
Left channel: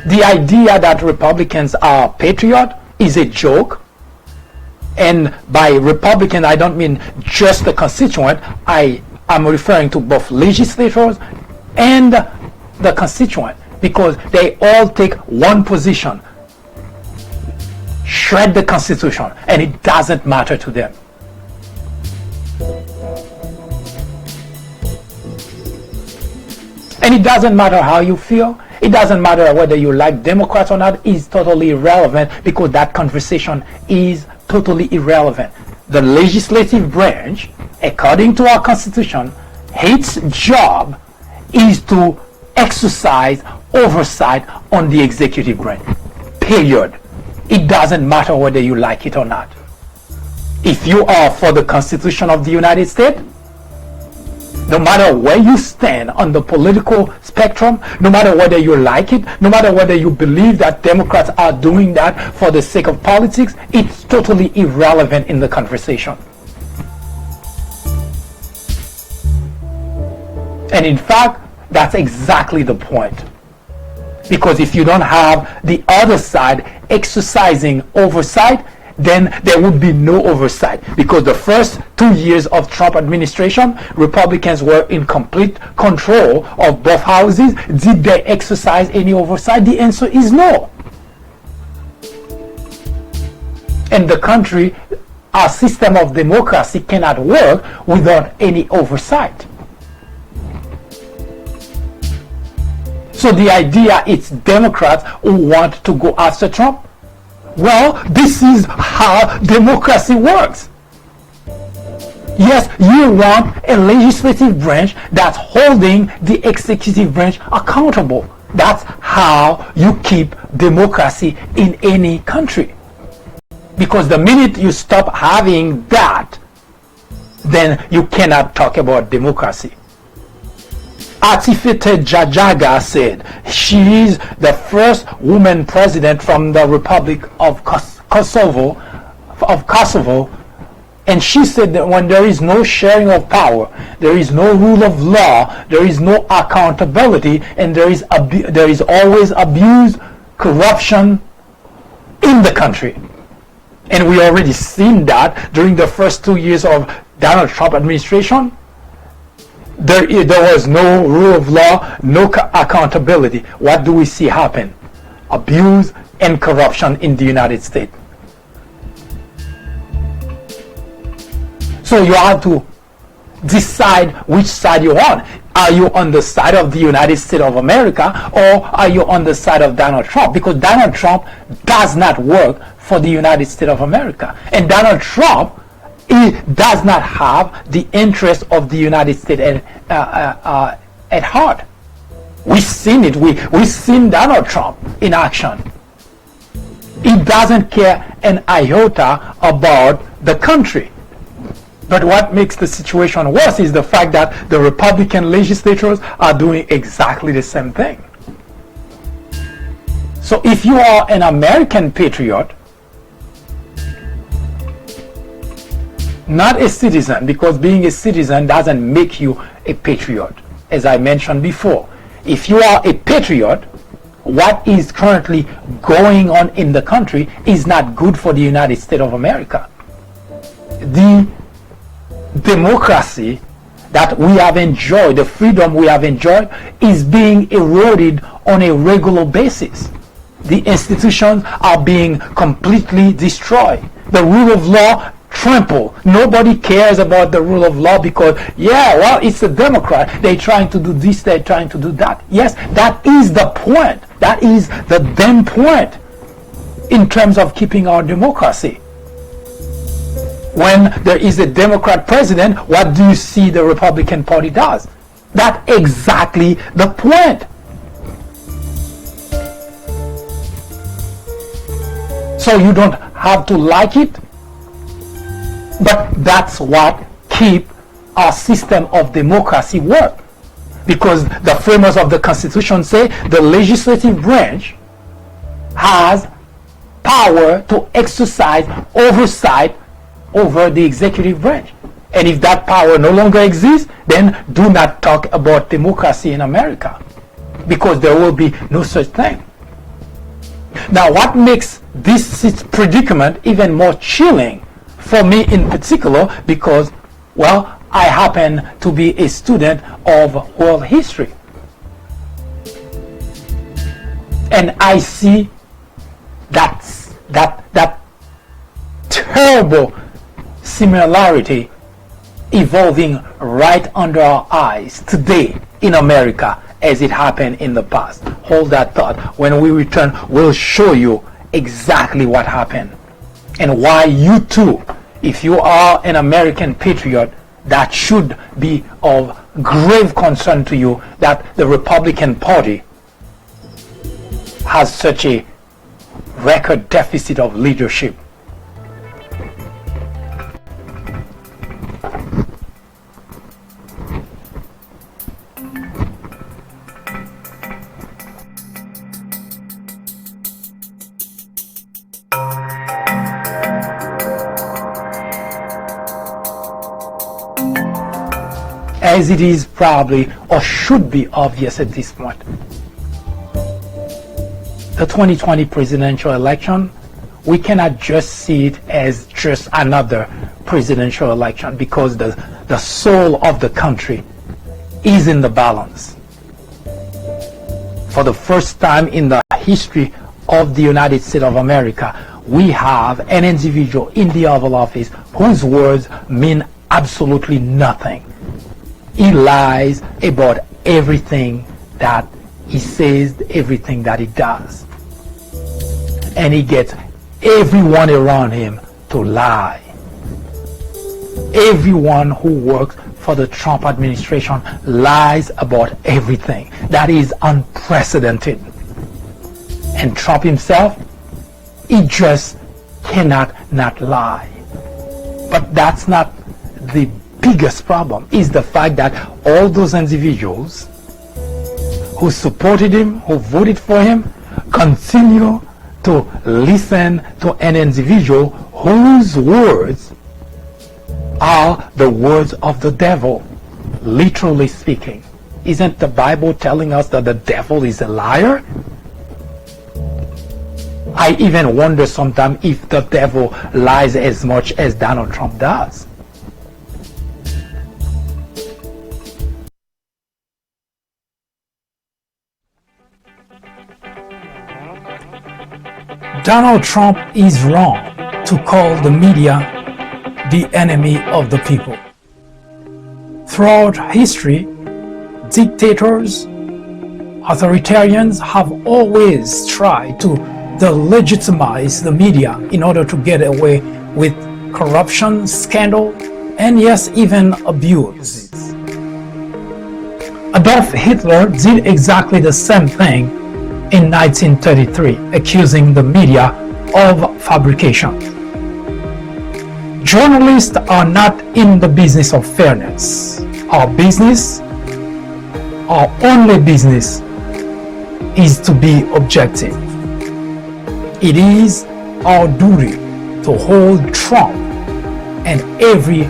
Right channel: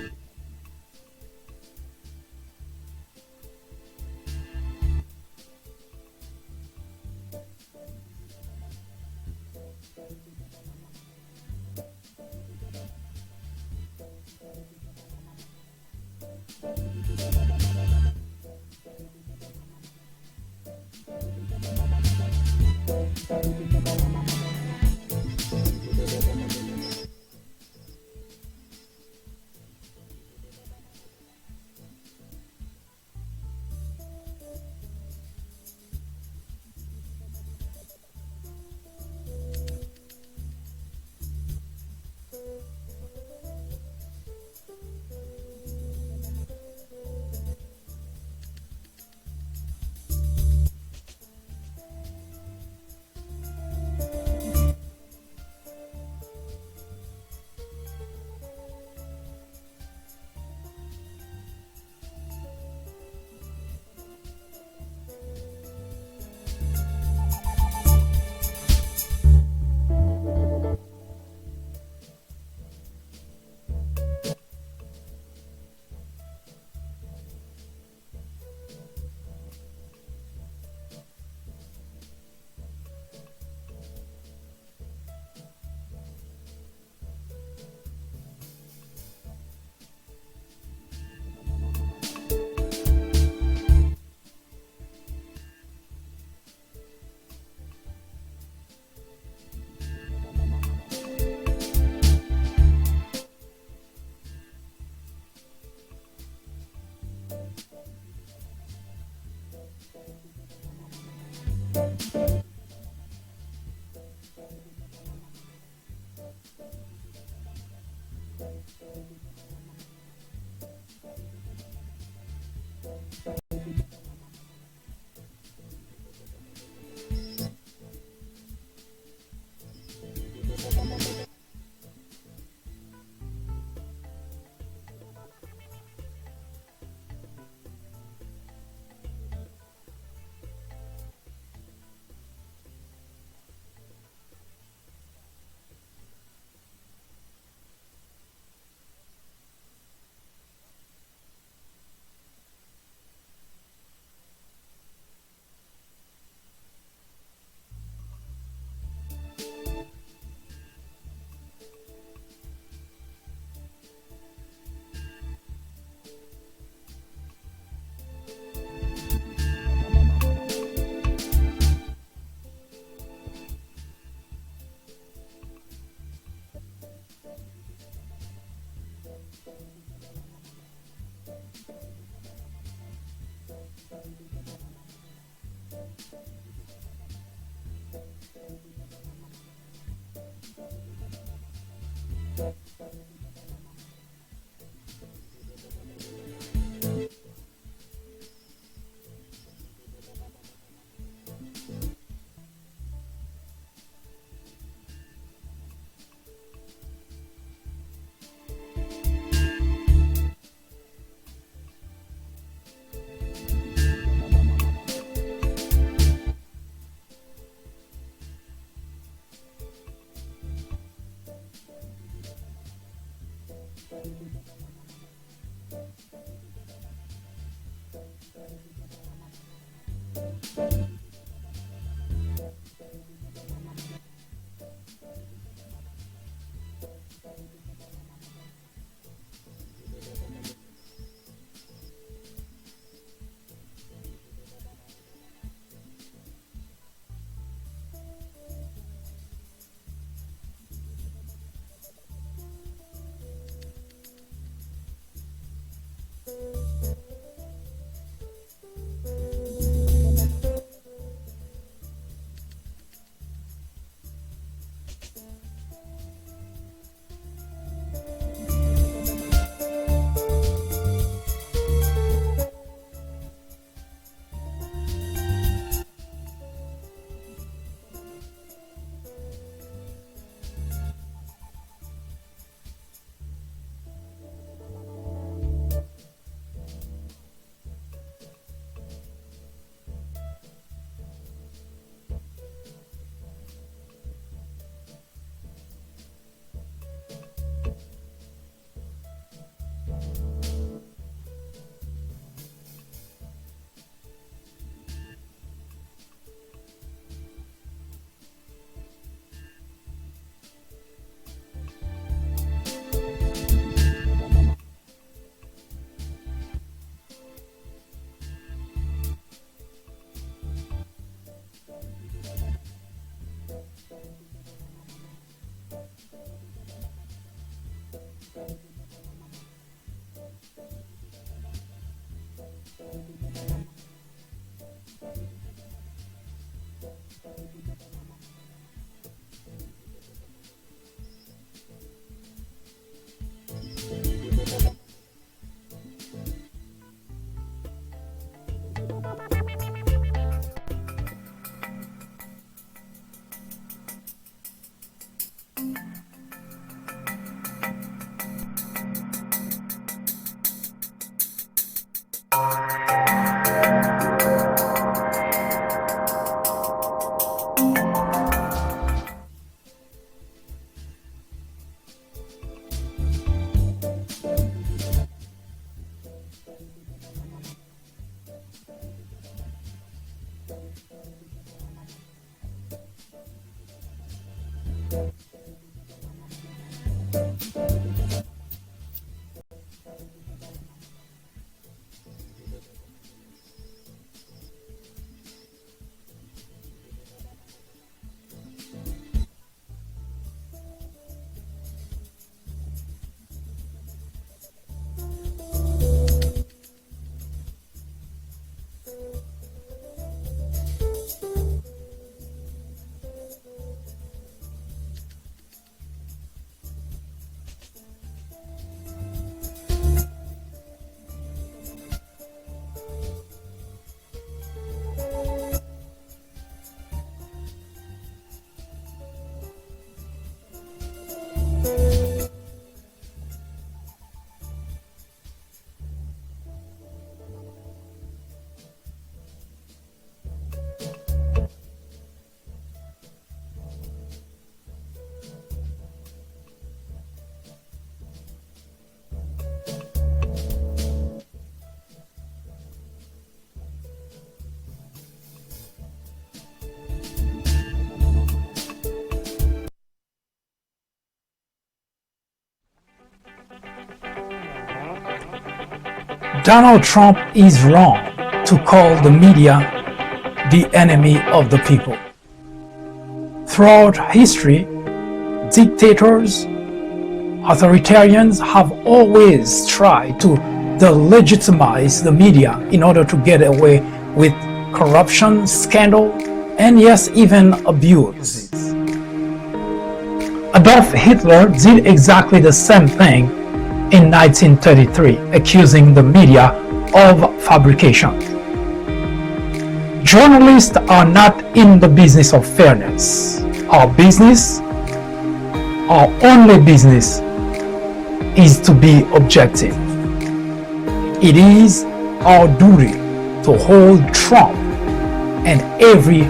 the idea that Republicans are patriots is a joke. And by Republican, I don't mean just the constituent. I am referring to both legislators and the constituent, because they all take one position: shred the Constitution, and it doesn't matter to them. And it doesn't matter how you feel. It doesn't matter whether you like Democrats or not. It's totally irrelevant, because that conversation is totally irrelevant. The legislative branch, according to our Constitution, its job is to exercise oversight on the executive branch. Period. It doesn't matter whether you like it or not. If you are for the Constitution of the United States, no matter where you stand on the political spectrum, no matter whether you like it, no matter whether you believe that Democrats are doing that for the sake of politics, it's totally irrelevant in the conversation. And in fact, that's exactly the point. Because if you don't have the other side exercising oversight, then there would be no oversight. Because the first 2 years of Trump administration, Republicans were in complete control of both houses. Did they exercise any oversight? The answer is no. And the country, our system of democracy cannot work without any oversight. So the idea it's Democrats who want to go after Trump. Well, this is how democracy works. Yes, you want a legislative branch that's holding the executive branch accountable. That's how you keep democracy in any country. Because the minute you stop having that, then you cannot talk about democracy. Atifete Jajaga said she is the first woman president from the Republic of Kosovo, and she said that when there is no sharing of power, there is no rule of law, there is no accountability, and there is always abuse, corruption in the country. And we already seen that during the first 2 years of Donald Trump administration. There was no rule of law, no accountability. What do we see happen? Abuse and corruption in the United States. So you have to decide which side you're on. Are you on the side of the United States of America, or are you on the side of Donald Trump? Because Donald Trump does not work for the United States of America. And Donald Trump, he does not have the interest of the United States at heart. We've seen it. We've seen Donald Trump in action. He doesn't care an iota about the country. But what makes the situation worse is the fact that the Republican legislators are doing exactly the same thing. So if you are an American patriot, not a citizen, because being a citizen doesn't make you a patriot, as I mentioned before. If you are a patriot, what is currently going on in the country is not good for the United States of America. The democracy that we have enjoyed, the freedom we have enjoyed, is being eroded on a regular basis. The institutions are being completely destroyed. The rule of law trample. Nobody cares about the rule of law because, yeah, well, it's a Democrat. They're trying to do this, they're trying to do that. Yes, that is the point. That is the damn point in terms of keeping our democracy. When there is a Democrat president, what do you see the Republican Party does? That's exactly the point. So you don't have to like it, but that's what keep our system of democracy work. Because the framers of the Constitution say the legislative branch has power to exercise oversight over the executive branch. And if that power no longer exists, then do not talk about democracy in America, because there will be no such thing. Now, what makes this predicament even more chilling for me in particular, because, well, I happen to be a student of world history. And I see that terrible similarity evolving right under our eyes today in America as it happened in the past. Hold that thought. When we return, we'll show you exactly what happened and why you too, if you are an American patriot, that should be of grave concern to you that the Republican Party has such a record deficit of leadership. as it is probably or should be obvious at this point. The 2020 presidential election, we cannot just see it as just another presidential election, because the soul of the country is in the balance. For the first time in the history of the United States of America, we have an individual in the Oval Office whose words mean absolutely nothing. He lies about everything that he says, everything that he does. And he gets everyone around him to lie. Everyone who works for the Trump administration lies about everything. That is unprecedented. And Trump himself, he just cannot not lie. But that's not the biggest problem. Is the fact that all those individuals who supported him, who voted for him, continue to listen to an individual whose words are the words of the devil, literally speaking. Isn't the Bible telling us that the devil is a liar? I even wonder sometimes if the devil lies as much as Donald Trump does. Donald Trump is wrong to call the media the enemy of the people. Throughout history, dictators, authoritarians have always tried to delegitimize the media in order to get away with corruption, scandal, and yes, even abuse. Adolf Hitler did exactly the same thing in 1933, accusing the media of fabrication. Journalists are not in the business of fairness. Our only business, is to be objective. It is our duty to hold Trump and every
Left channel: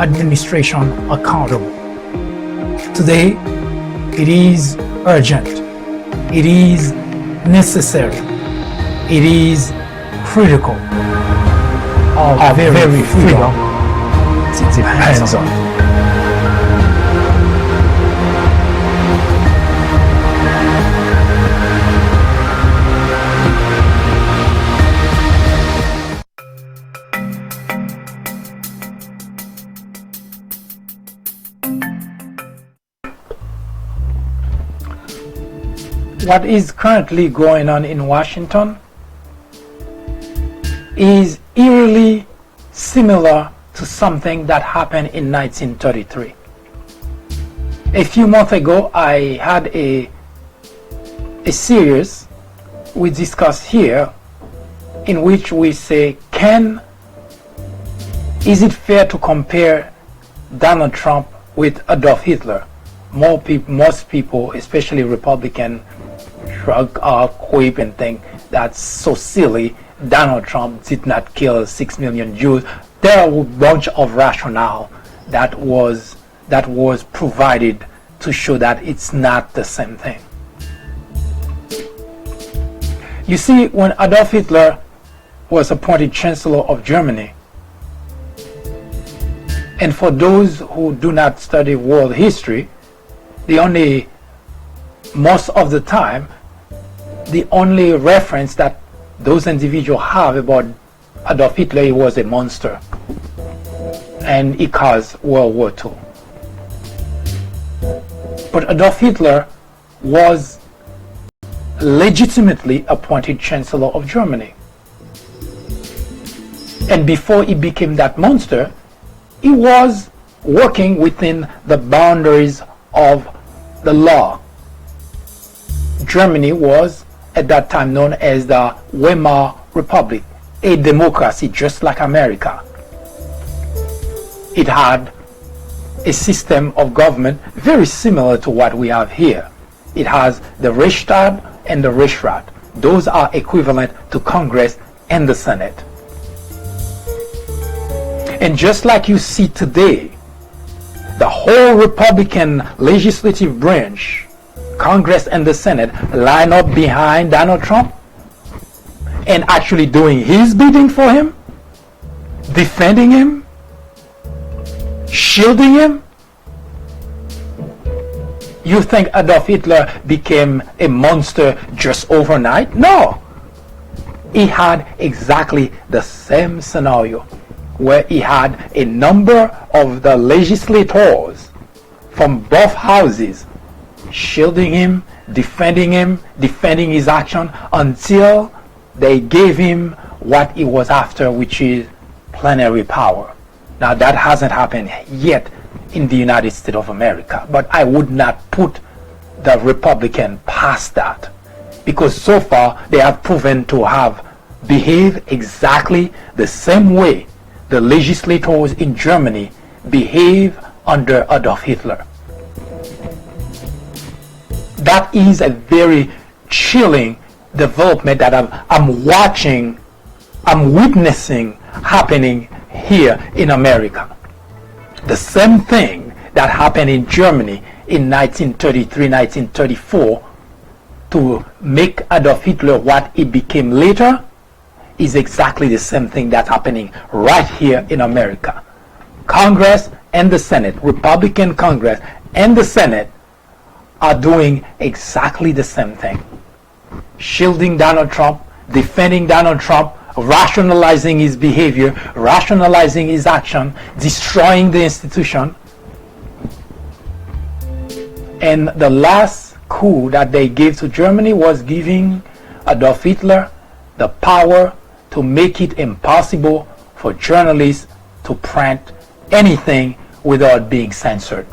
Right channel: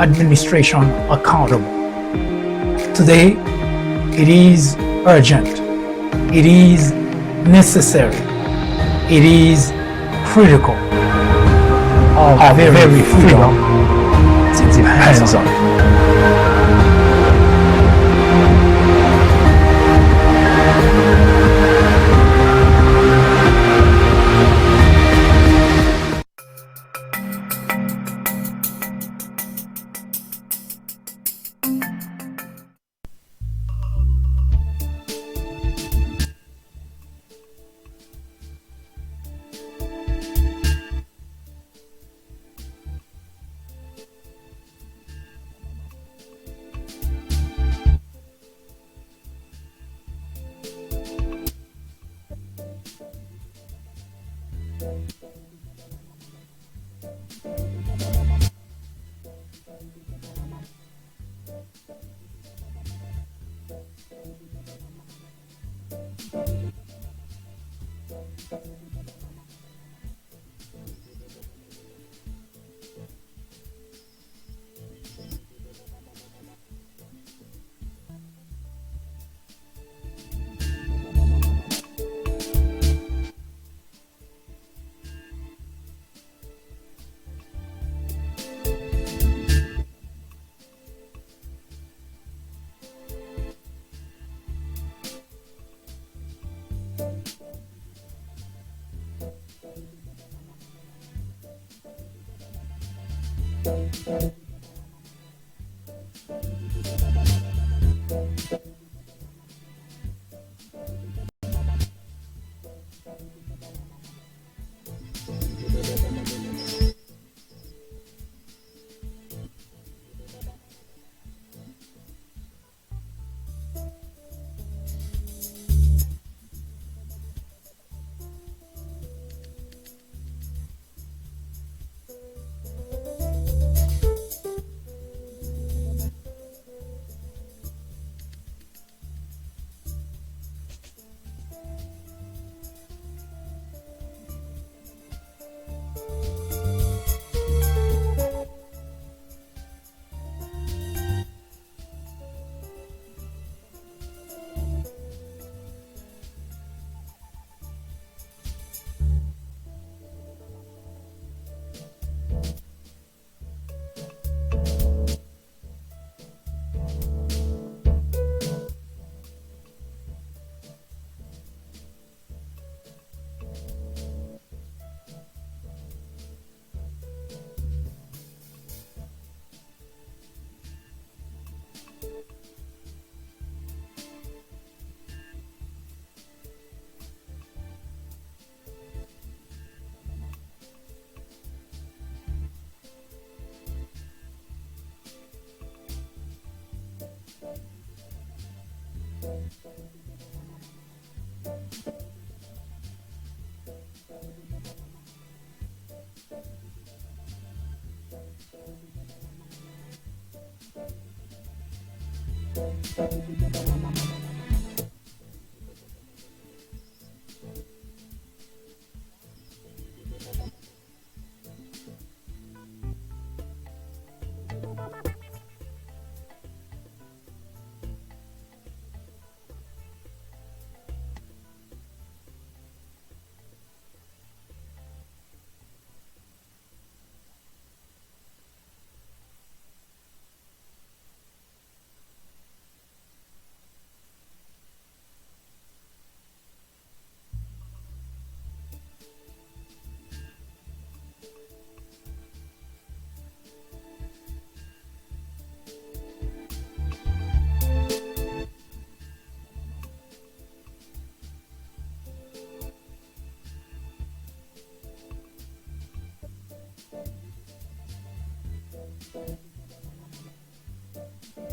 administration accountable. Today, it is urgent. It is necessary. It is critical. Our very freedom depends on it. What is currently going on in Washington is eerily similar to something that happened in 1933. A few months ago, I had a series we discussed here in which we say, is it fair to compare Donald Trump with Adolf Hitler? Most people, especially Republicans, shrug or quip and think that's so silly. Donald Trump did not kill 6 million Jews. There are a bunch of rationale that was provided to show that it's not the same thing. You see, when Adolf Hitler was appointed Chancellor of Germany, and for those who do not study world history, most of the time, the only reference that those individuals have about Adolf Hitler, he was a monster, and he caused World War II. But Adolf Hitler was legitimately appointed Chancellor of Germany. And before he became that monster, he was working within the boundaries of the law. Germany was at that time known as the Weimar Republic, a democracy just like America. It had a system of government very similar to what we have here. It has the Reichstag and the Reichsrat. Those are equivalent to Congress and the Senate. And just like you see today, the whole Republican legislative branch, Congress and the Senate, line up behind Donald Trump and actually doing his bidding for him, defending him, shielding him? You think Adolf Hitler became a monster just overnight? No. He had exactly the same scenario where he had a number of the legislators from both houses shielding him, defending his action until they gave him what he was after, which is plenary power. Now that hasn't happened yet in the United States of America, but I would not put the Republican past that, because so far they have proven to have behaved exactly the same way the legislators in Germany behave under Adolf Hitler. That is a very chilling development that I'm watching, I'm witnessing happening here in America. The same thing that happened in Germany in 1933, 1934 to make Adolf Hitler what he became later is exactly the same thing that's happening right here in America. Congress and the Senate, Republican Congress and the Senate are doing exactly the same thing. Shielding Donald Trump, defending Donald Trump, rationalizing his behavior, rationalizing his action, destroying the institution. And the last coup that they gave to Germany was giving Adolf Hitler the power to make it impossible for journalists to print anything without being censored.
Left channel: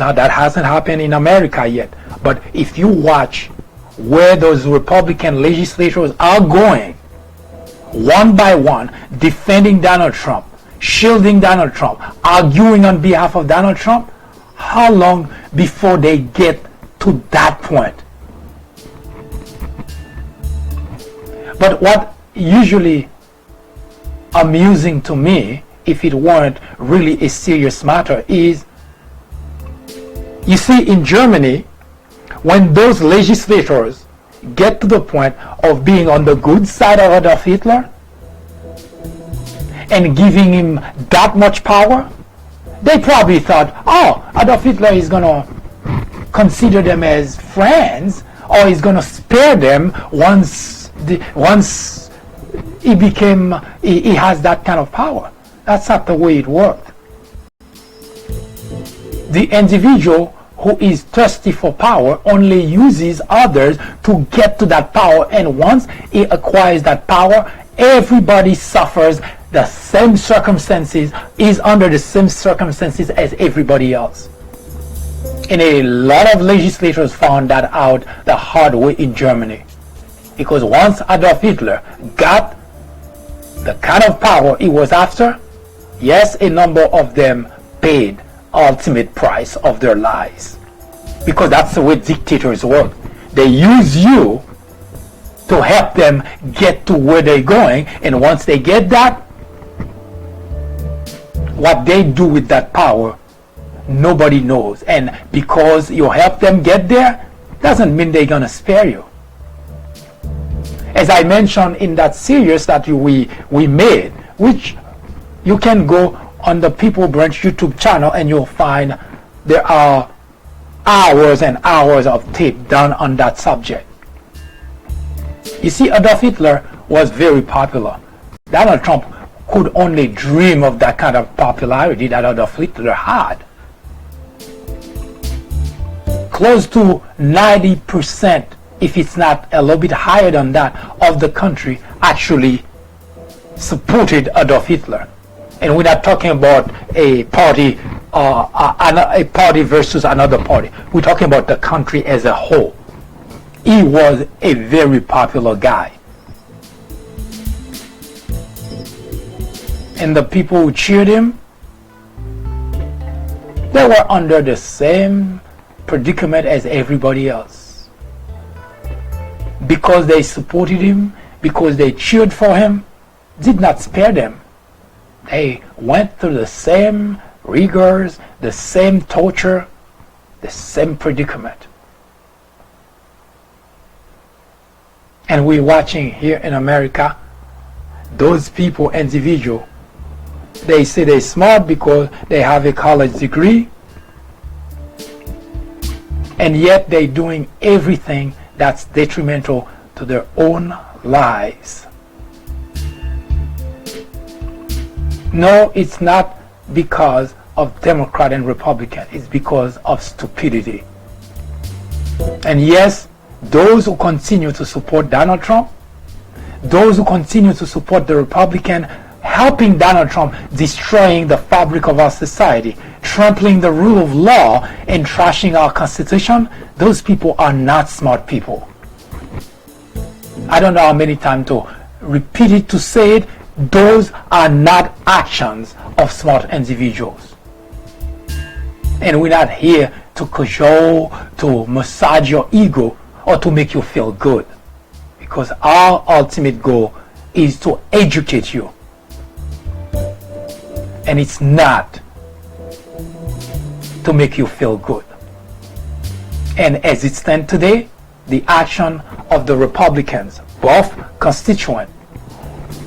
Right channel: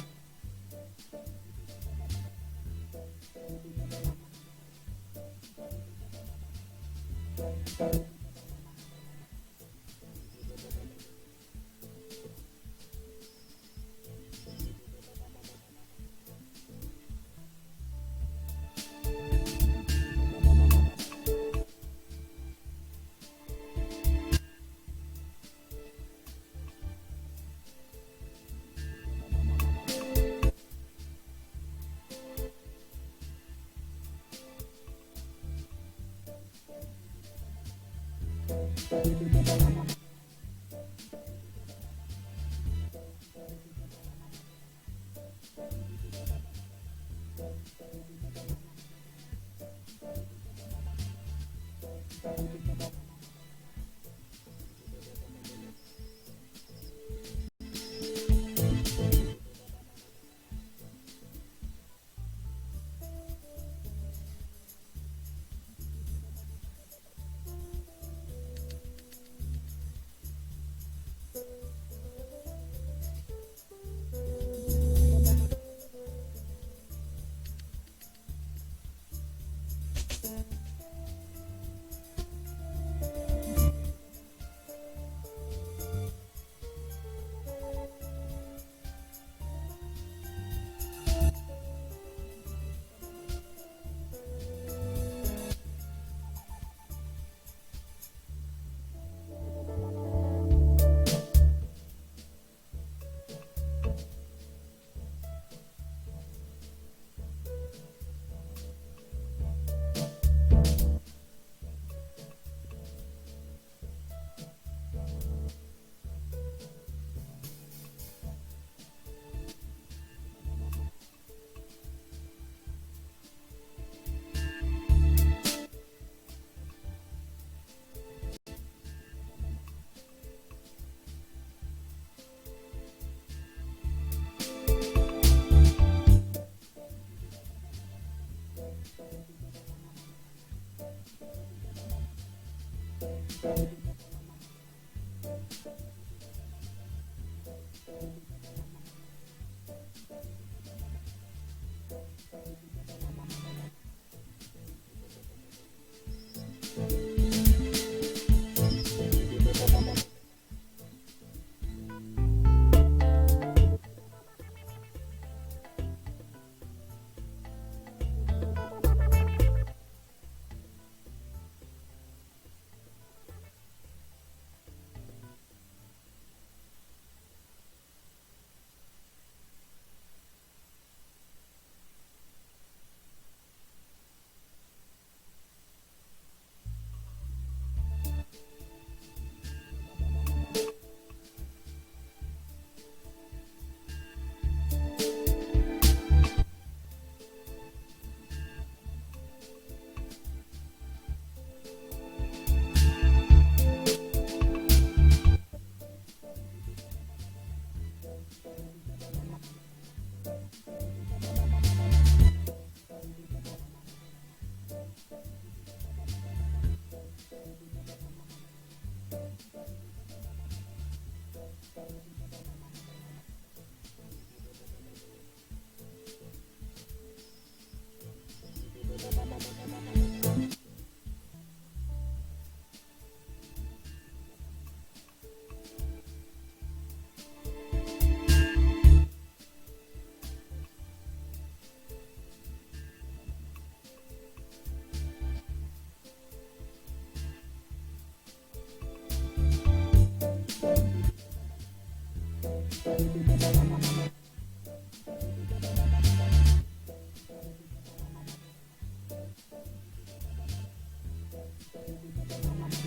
Now that hasn't happened in America yet, but if you watch where those Republican legislators are going, one by one, defending Donald Trump, shielding Donald Trump, arguing on behalf of Donald Trump, how long before they get to that point? But what usually amusing to me, if it weren't really a serious matter, is, you see, in Germany, when those legislators get to the point of being on the good side of Adolf Hitler and giving him that much power, they probably thought, oh, Adolf Hitler is going to consider them as friends, or he's going to spare them once he has that kind of power. That's not the way it worked. The individual who is thirsty for power only uses others to get to that power, and once he acquires that power, everybody suffers the same circumstances, is under the same circumstances as everybody else. And a lot of legislators found that out the hard way in Germany, because once Adolf Hitler got the kind of power he was after, yes, a number of them paid ultimate price of their lives, because that's the way dictators work. They use you to help them get to where they're going, and once they get that, what they do with that power, nobody knows. And because you help them get there, doesn't mean they're gonna spare you. As I mentioned in that series that we made, which you can go on the People Branch YouTube channel and you'll find there are hours and hours of tape done on that subject. You see, Adolf Hitler was very popular. Donald Trump could only dream of that kind of popularity that Adolf Hitler had. Close to 90%, if it's not a little bit higher than that, of the country actually supported Adolf Hitler. And we're not talking about a party versus another party. We're talking about the country as a whole. He was a very popular guy. And the people who cheered him, they were under the same predicament as everybody else. Because they supported him, because they cheered for him, did not spare them. they went through the same rigors, the same torture, the same predicament. And we're watching here in America, those people, individual, they say they're smart because they have a college degree, and yet they're doing everything that's detrimental to their own lives. No, it's not because of Democrat and Republican. It's because of stupidity. And yes, those who continue to support Donald Trump, those who continue to support the Republican, helping Donald Trump destroying the fabric of our society, trampling the rule of law, and trashing our Constitution, those people are not smart people. I don't know how many times to repeat it, to say it. Those are not actions of smart individuals. And we're not here to cajole, to massage your ego, or to make you feel good. Because our ultimate goal is to educate you. And it's not to make you feel good. And as it stands today, the action of the Republicans, both constituent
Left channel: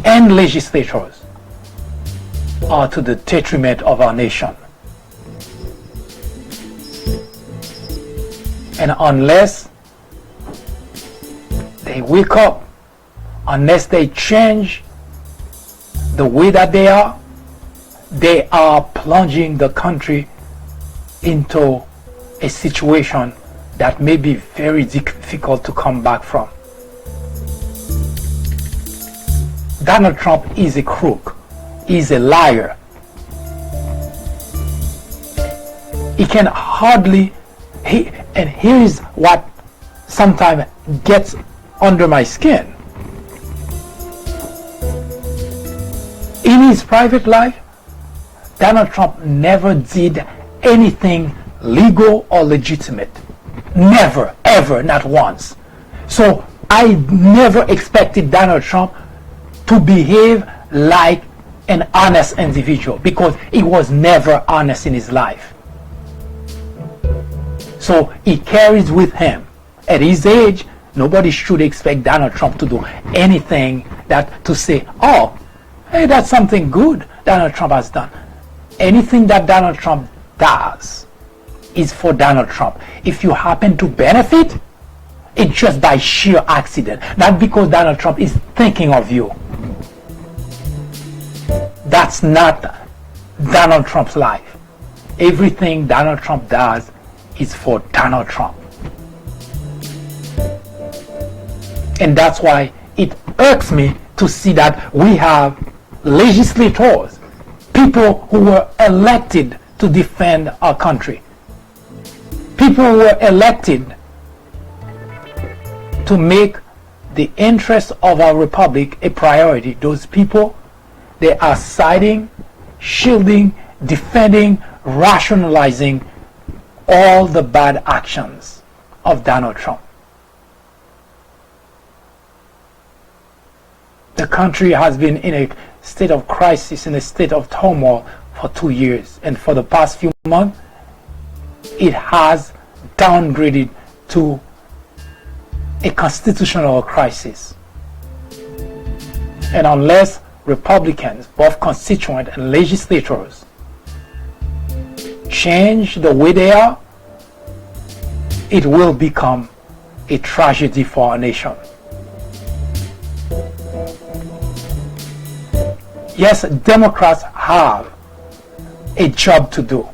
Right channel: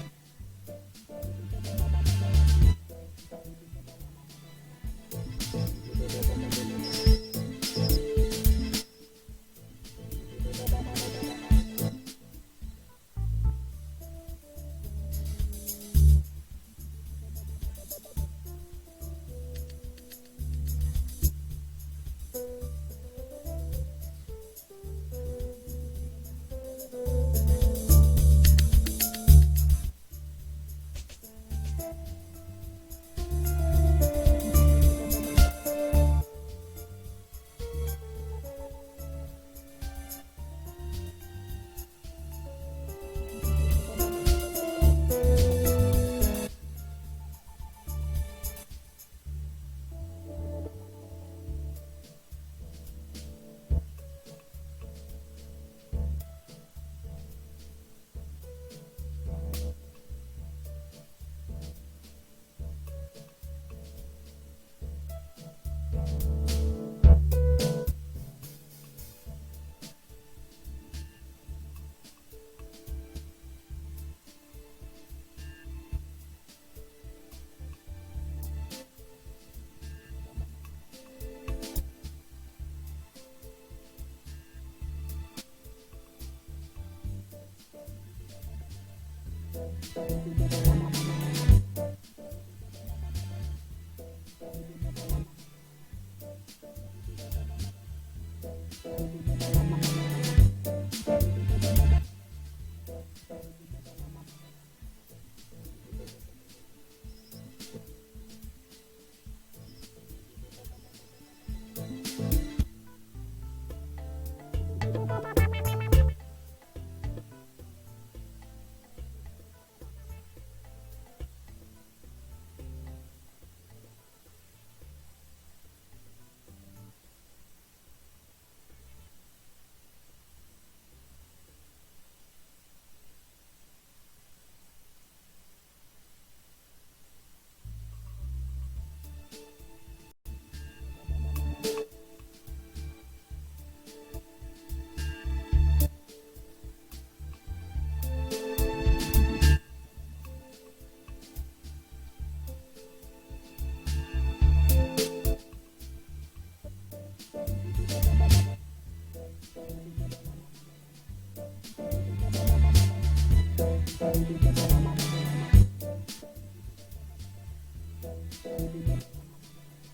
and legislators, are to the detriment of our nation. And unless they wake up, unless they change the way that they are plunging the country into a situation that may be very difficult to come back from. Donald Trump is a crook. He's a liar. He can hardly, and here is what sometimes gets under my skin. In his private life, Donald Trump never did anything legal or legitimate. Never, ever, not once. So I never expected Donald Trump to behave like an honest individual, because he was never honest in his life. So he carries with him, at his age, nobody should expect Donald Trump to do anything to say, oh, hey, that's something good Donald Trump has done. Anything that Donald Trump does is for Donald Trump. If you happen to benefit, it's just by sheer accident, not because Donald Trump is thinking of you. That's not Donald Trump's life. Everything Donald Trump does is for Donald Trump. And that's why it irks me to see that we have legislators, people who were elected to defend our country, people who were elected to make the interests of our republic a priority. Those people, they are siding, shielding, defending, rationalizing all the bad actions of Donald Trump. The country has been in a state of crisis, in a state of turmoil for 2 years. And for the past few months, it has downgraded to a constitutional crisis. And unless Republicans, both constituent and legislators, change the way they are, it will become a tragedy for our nation. Yes, Democrats have a job to do,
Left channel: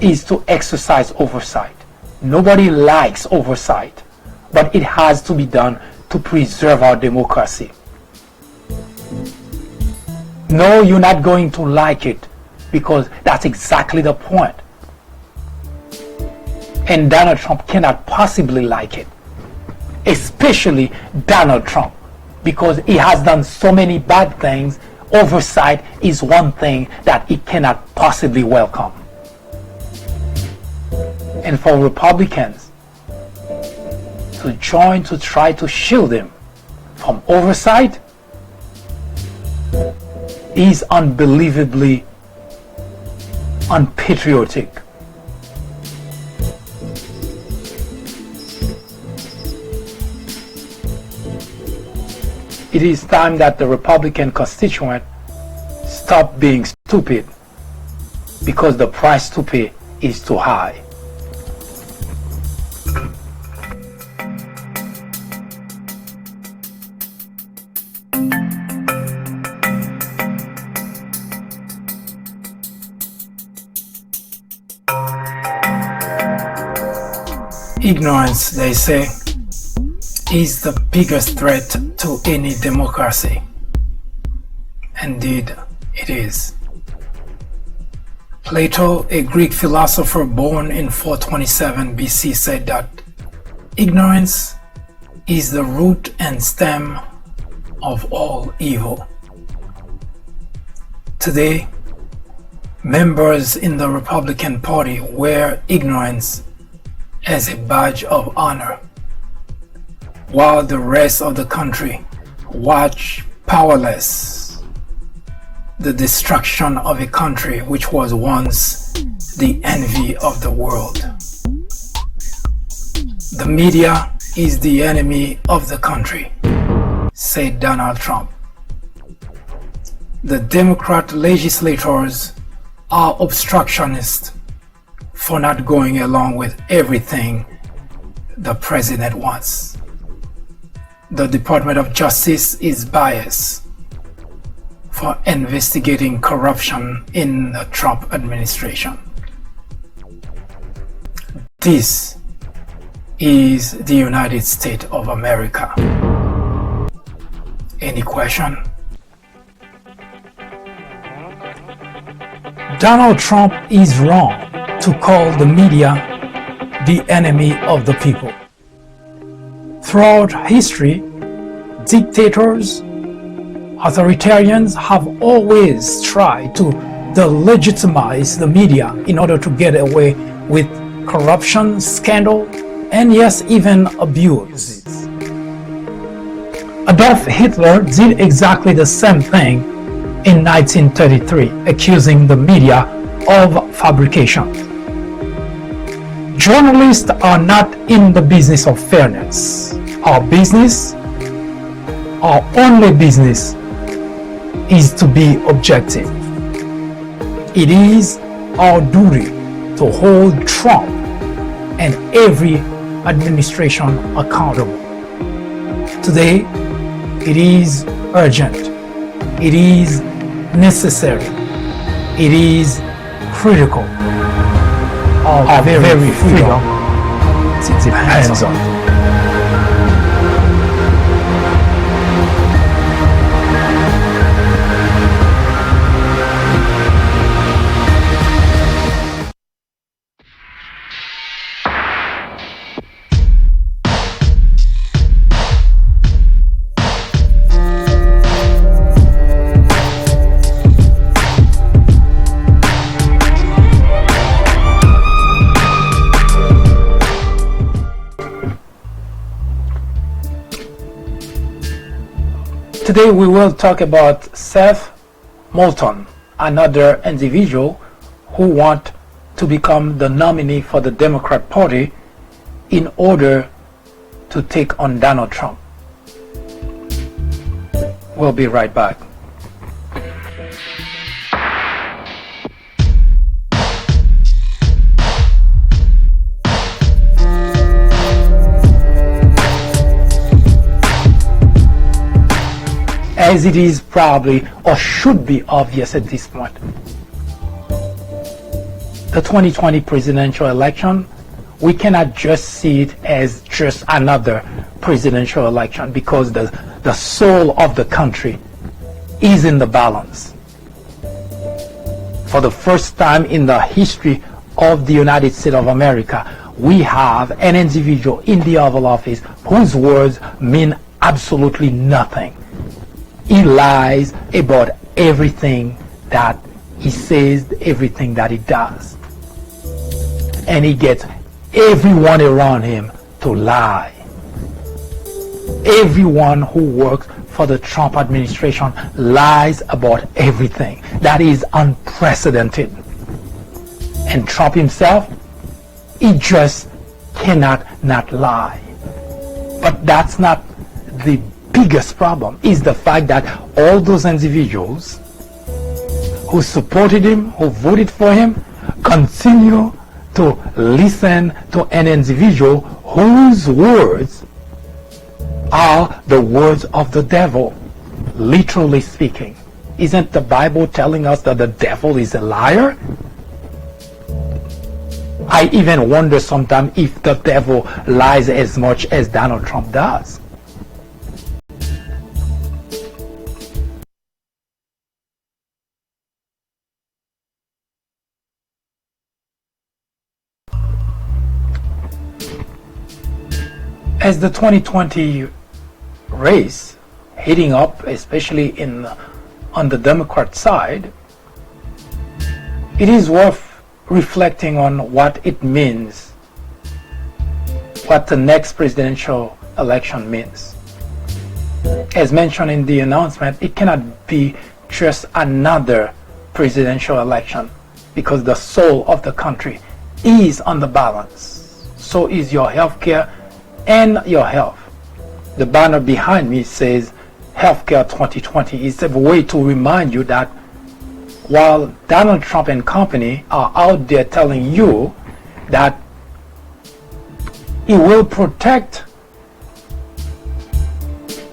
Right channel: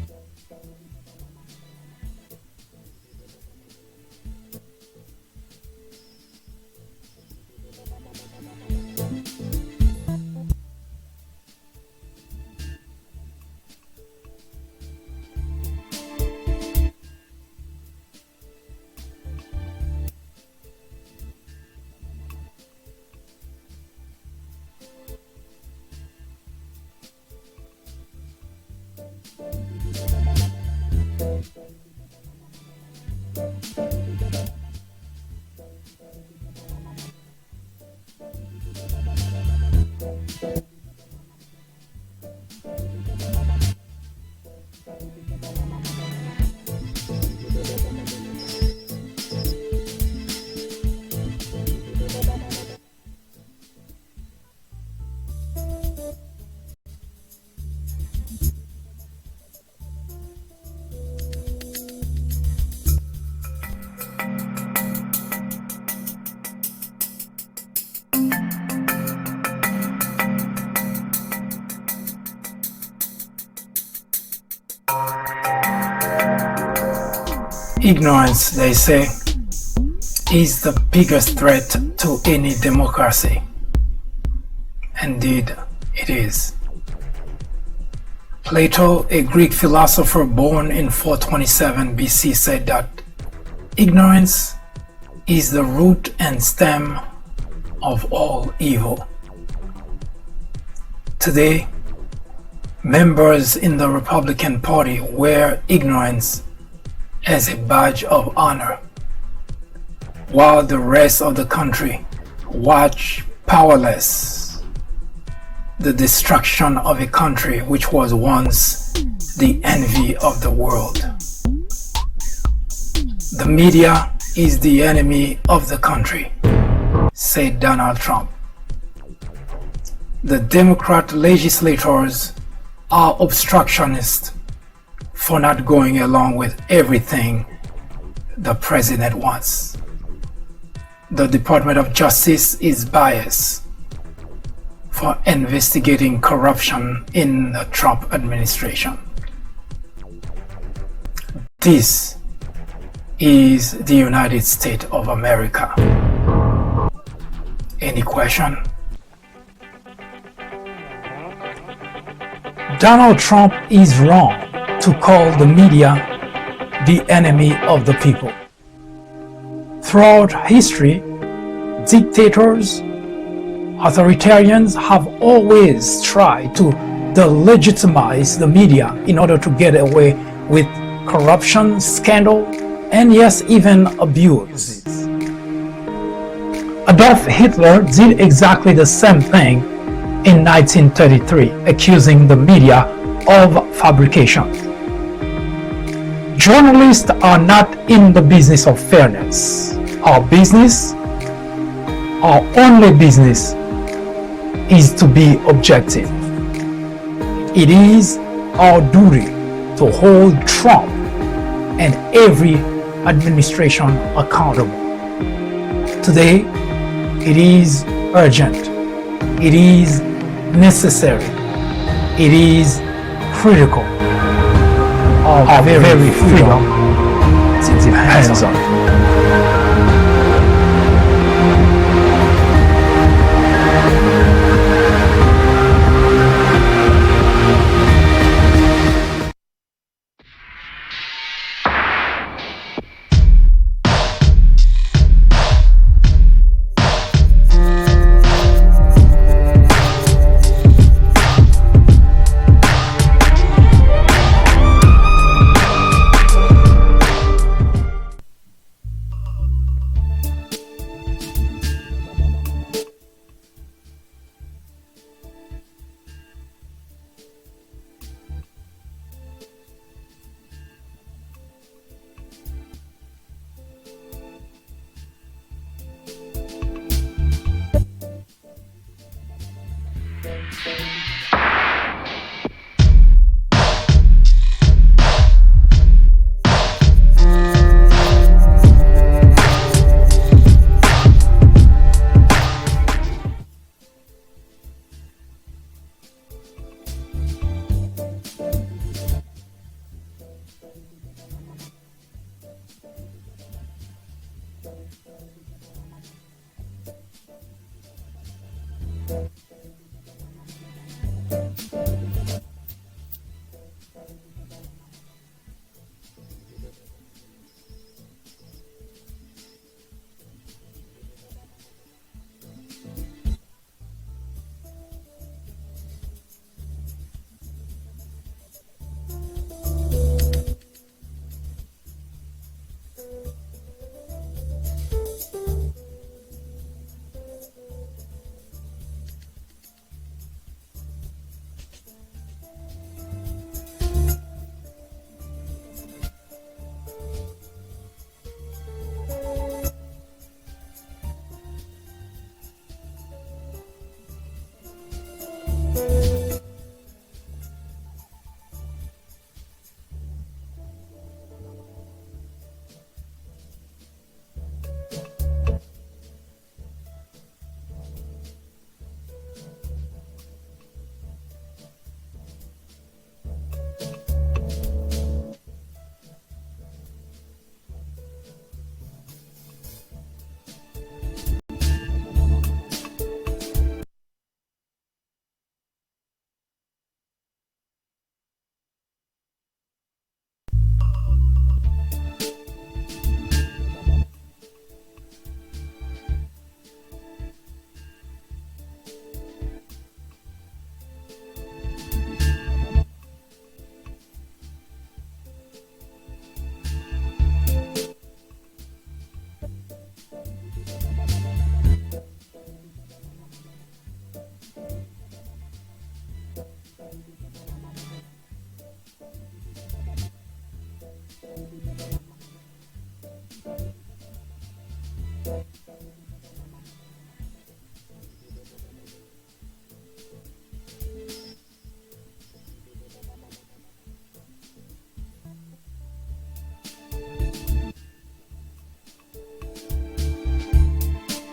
is to exercise oversight. Nobody likes oversight, but it has to be done to preserve our democracy. No, you're not going to like it, because that's exactly the point. And Donald Trump cannot possibly like it, especially Donald Trump, because he has done so many bad things. Oversight is one thing that he cannot possibly welcome. And for Republicans to join to try to shield him from oversight, is unbelievably unpatriotic. It is time that the Republican constituent stop being stupid because the price to pay is too high. Ignorance, they say, is the biggest threat to any democracy. Indeed, it is. Plato, a Greek philosopher born in 427 BC, said that ignorance is the root and stem of all evil. Today, members in the Republican Party wear ignorance as a badge of honor, while the rest of the country watch powerless the destruction of a country which was once the envy of the world. The media is the enemy of the country, said Donald Trump. The Democrat legislators are obstructionists for not going along with everything the president wants. The Department of Justice is biased for investigating corruption in the Trump administration. This is the United States of America. Any question? Donald Trump is wrong to call the media the enemy of the people. Throughout history, dictators, authoritarians have always tried to delegitimize the media in order to get away with corruption, scandal, and yes, even abuse. Adolf Hitler did exactly the same thing in 1933, accusing the media of fabrication. Journalists are not in the business of fairness. Our only business is to be objective. It is our duty to hold Trump and every administration accountable. Today, it is urgent. It is necessary. It is critical of our very freedom. It depends on it. Today we will talk about SETH Moulton, another individual who wants to become the nominee for the Democrat Party in order to take on Donald Trump. We'll be right back. As it is probably or should be obvious at this point, the 2020 presidential election, we cannot just see it as just another presidential election because the soul of the country is in the balance. For the first time in the history of the United States of America, we have an individual in the Oval Office whose words mean absolutely nothing. He lies about everything that he says, everything that he does. And he gets everyone around him to lie. Everyone who works for the Trump administration lies about everything. That is unprecedented. And Trump himself, he just cannot not lie. But that's not the biggest problem. Is the fact that all those individuals who supported him, who voted for him, continue to listen to an individual whose words are the words of the devil, literally speaking. Isn't the Bible telling us that the devil is a liar? I even wonder sometimes if the devil lies as much as Donald Trump does. As the 2020 race heating up, especially on the Democrat side, it is worth reflecting on what it means, what the next presidential election means. As mentioned in the announcement, it cannot be just another presidential election because the soul of the country is on the balance. So is your healthcare and your health. The banner behind me says Healthcare 2020. It's a way to remind you that while Donald Trump and company are out there telling you that he will protect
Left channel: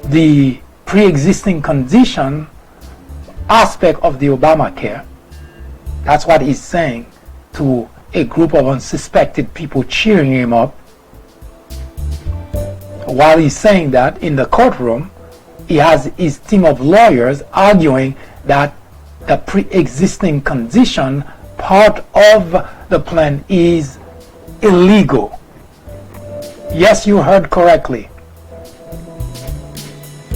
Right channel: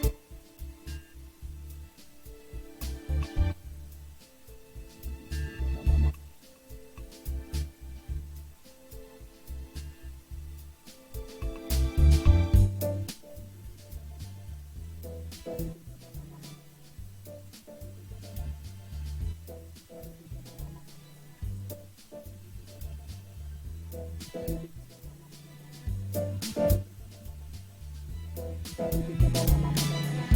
the pre-existing condition aspect of the Obamacare, that's what he's saying to a group of unsuspected people cheering him up. While he's saying that, in the courtroom, he has his team of lawyers arguing that the pre-existing condition part of the plan is illegal. Yes, you heard correctly.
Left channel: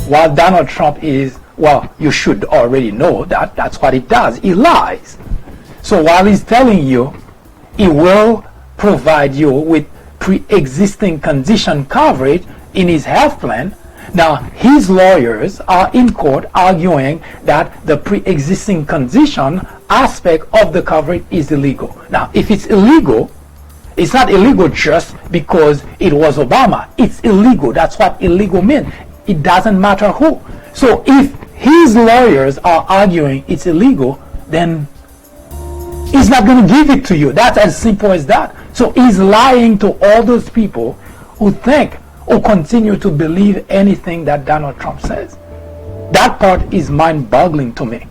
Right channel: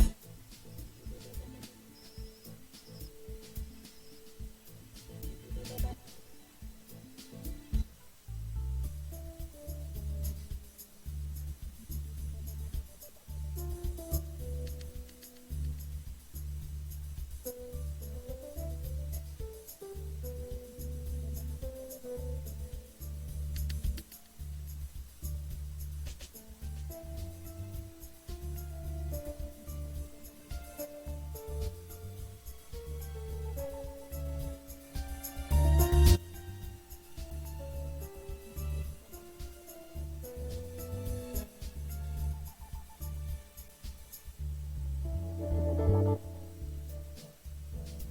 While Donald Trump is, well, you should already know that that's what he does. He lies. So while he's telling you he will provide you with pre-existing condition coverage in his health plan, now his lawyers are in court arguing that the pre-existing condition aspect of the coverage is illegal. Now, if it's illegal, it's not illegal just because it was Obama. It's illegal. That's what illegal means. It doesn't matter who. So if his lawyers are arguing it's illegal, then he's not going to give it to you. That's as simple as that. So he's lying to all those people who think or continue to believe anything that Donald Trump says. That part is mind-boggling to me.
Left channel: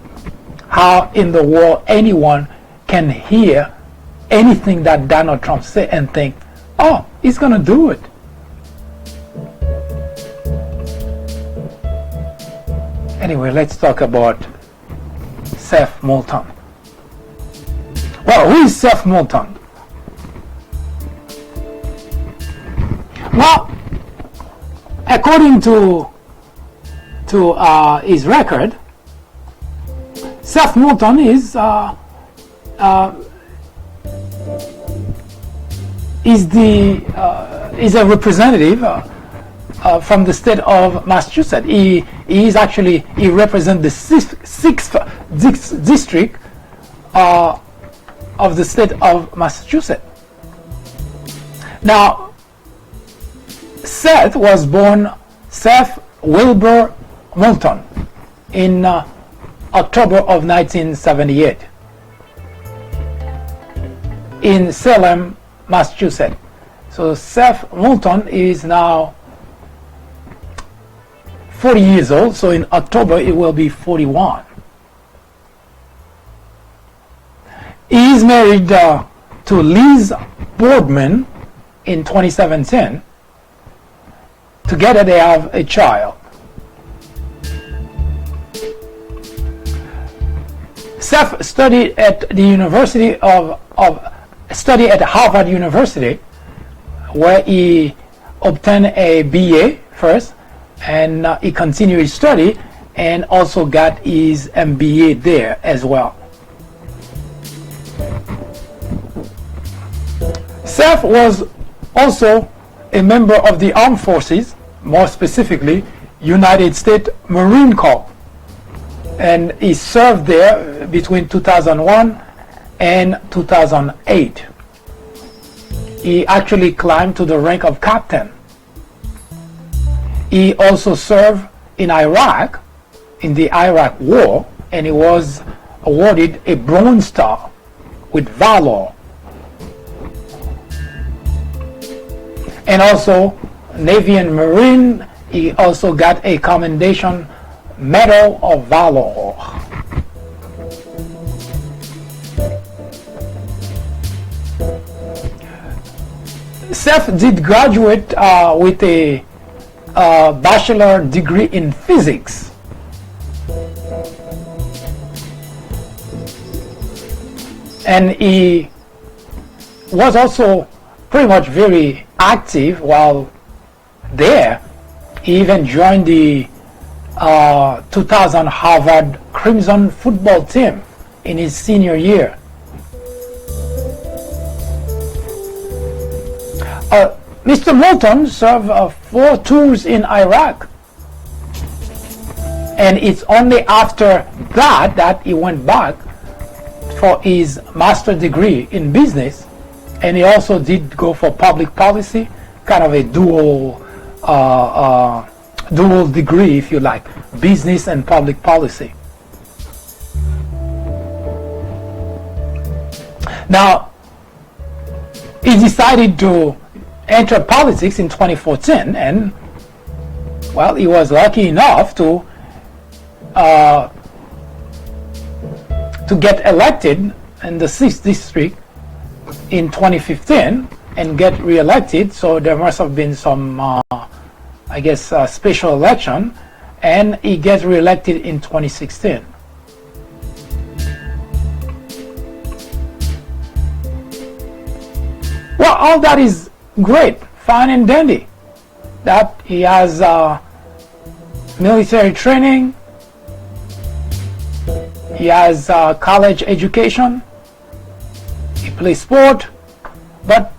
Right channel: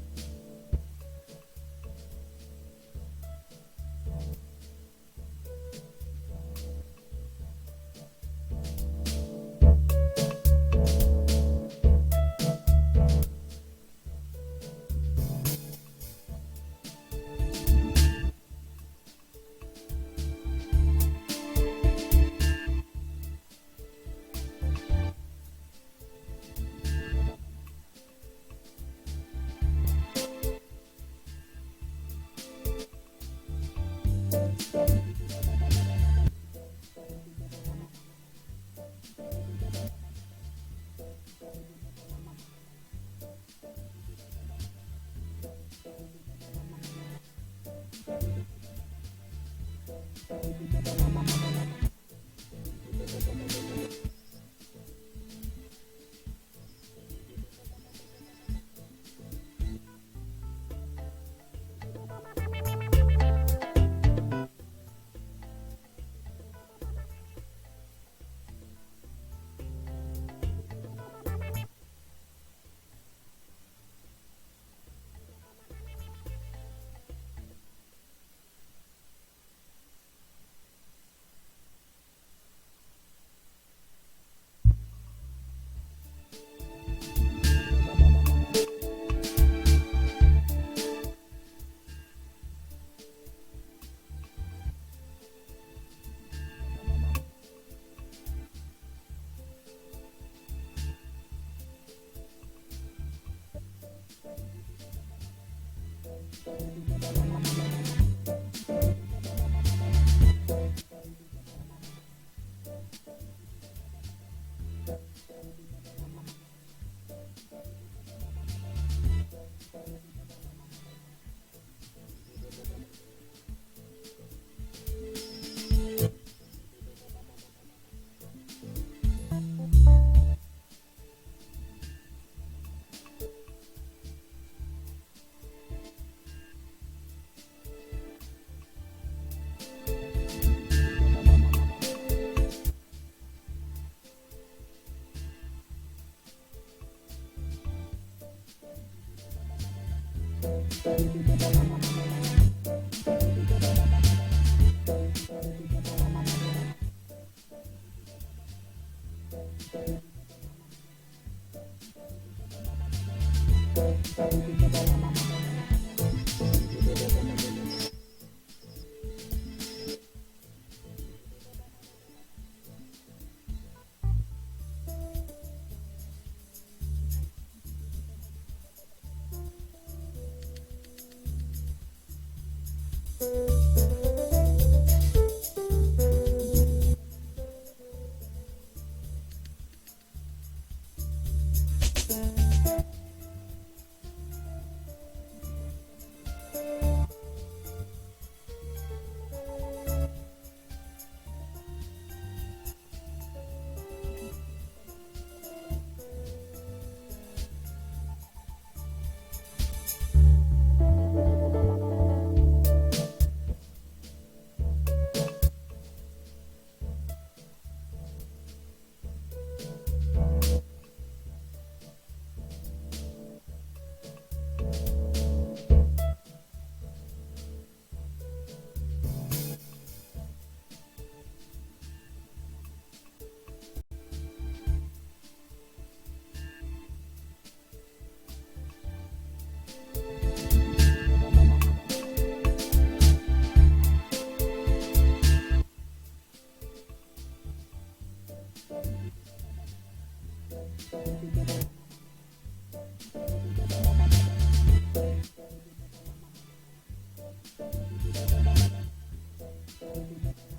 How in the world anyone can hear anything that Donald Trump says and think, oh, he's going to do it. Anyway, let's talk about SETH Moulton. Well, who is SETH Moulton? Well, according to his record, SETH Moulton is a representative from the state of Massachusetts. He represents the sixth district of the state of Massachusetts. Now, Seth was born Seth Wilbur Moulton in October of 1978 in Salem, Massachusetts. So Seth Moulton is now 40 years old, so in October it will be 41. He is married to Liz Boardman in 2017. Together they have a child. Seth studied at the University studied at Harvard University, where he obtained a BA first, and he continued his study and also got his MBA there as well. Seth was also a member of the armed forces, more specifically United States Marine Corps, and he served there between 2001 and 2008. He actually climbed to the rank of captain. He also served in Iraq, in the Iraq War, and he was awarded a Bronze Star with Valor. And also, Navy and Marine, he also got a Commendation Medal of Valor. SETH did graduate with a bachelor degree in physics. And he was also pretty much very active while there. He even joined the 2000 Harvard Crimson football team in his senior year. Mr. Moulton served 4 tours in Iraq, and it's only after that he went back for his master's degree in business, and he also did go for public policy, kind of a dual degree, if you like, business and public policy. Now, he decided to enter politics in 2014, and well, he was lucky enough to get elected in the 6th district in 2015 and get re-elected. So there must have been some I guess special election, and he gets re-elected in 2016. Well, all that is great, fine and dandy. That he has military training, he has college education, he plays sport, but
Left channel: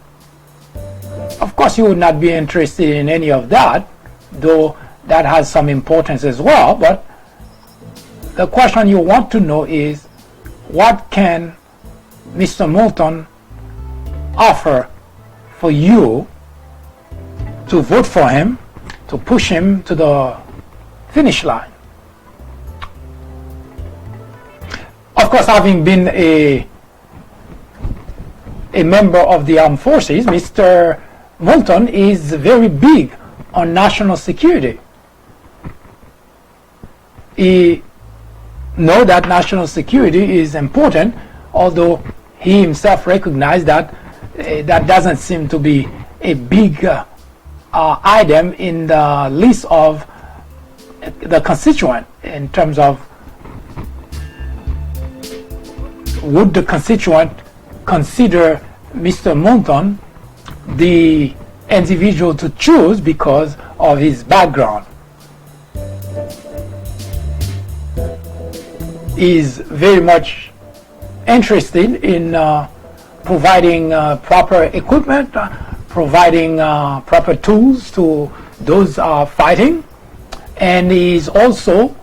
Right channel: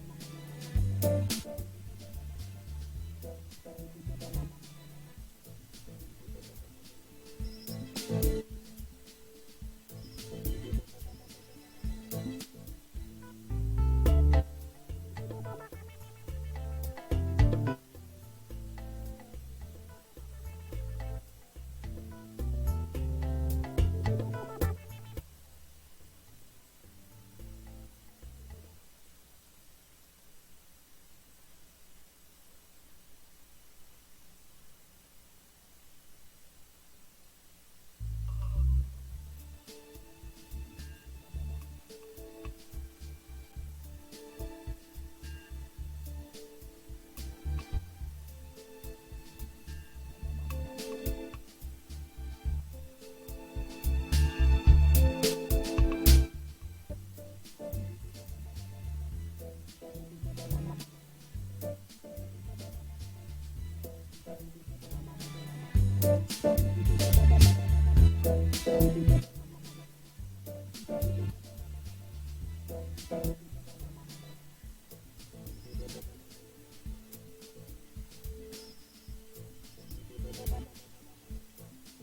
of course you would not be interested in any of that, though that has some importance as well. But the question you want to know is, what can Mr. Moulton offer for you to vote for him, to push him to the finish line? Of course, having been a member of the armed forces, Mr. Moulton is very big on national security. He knows that national security is important, although he himself recognized that that doesn't seem to be a big item in the list of the constituent, in terms of would the constituent consider Mr. Moulton the individual to choose because of his background. He is very much interested in providing proper equipment, providing proper tools to those fighting, and he is also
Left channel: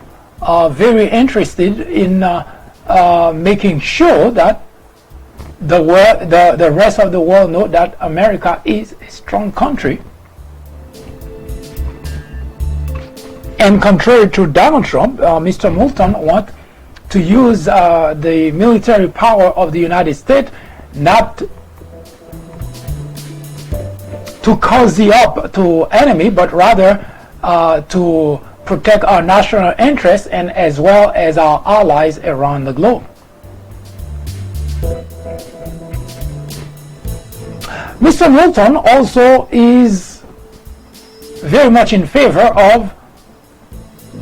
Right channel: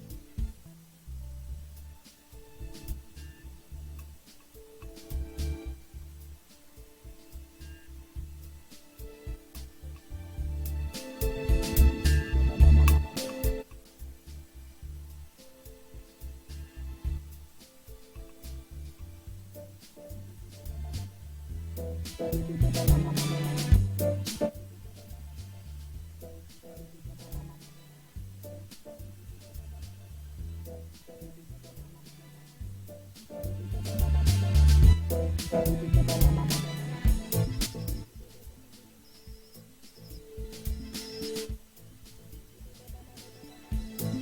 very interested in making sure that the rest of the world know that America is a strong country. And contrary to Donald Trump, Mr. Moulton wants to use the military power of the United States not to cozy up to enemy, but rather to protect our national interests and as well as our allies around the globe. Mr. Moulton also is very much in favor of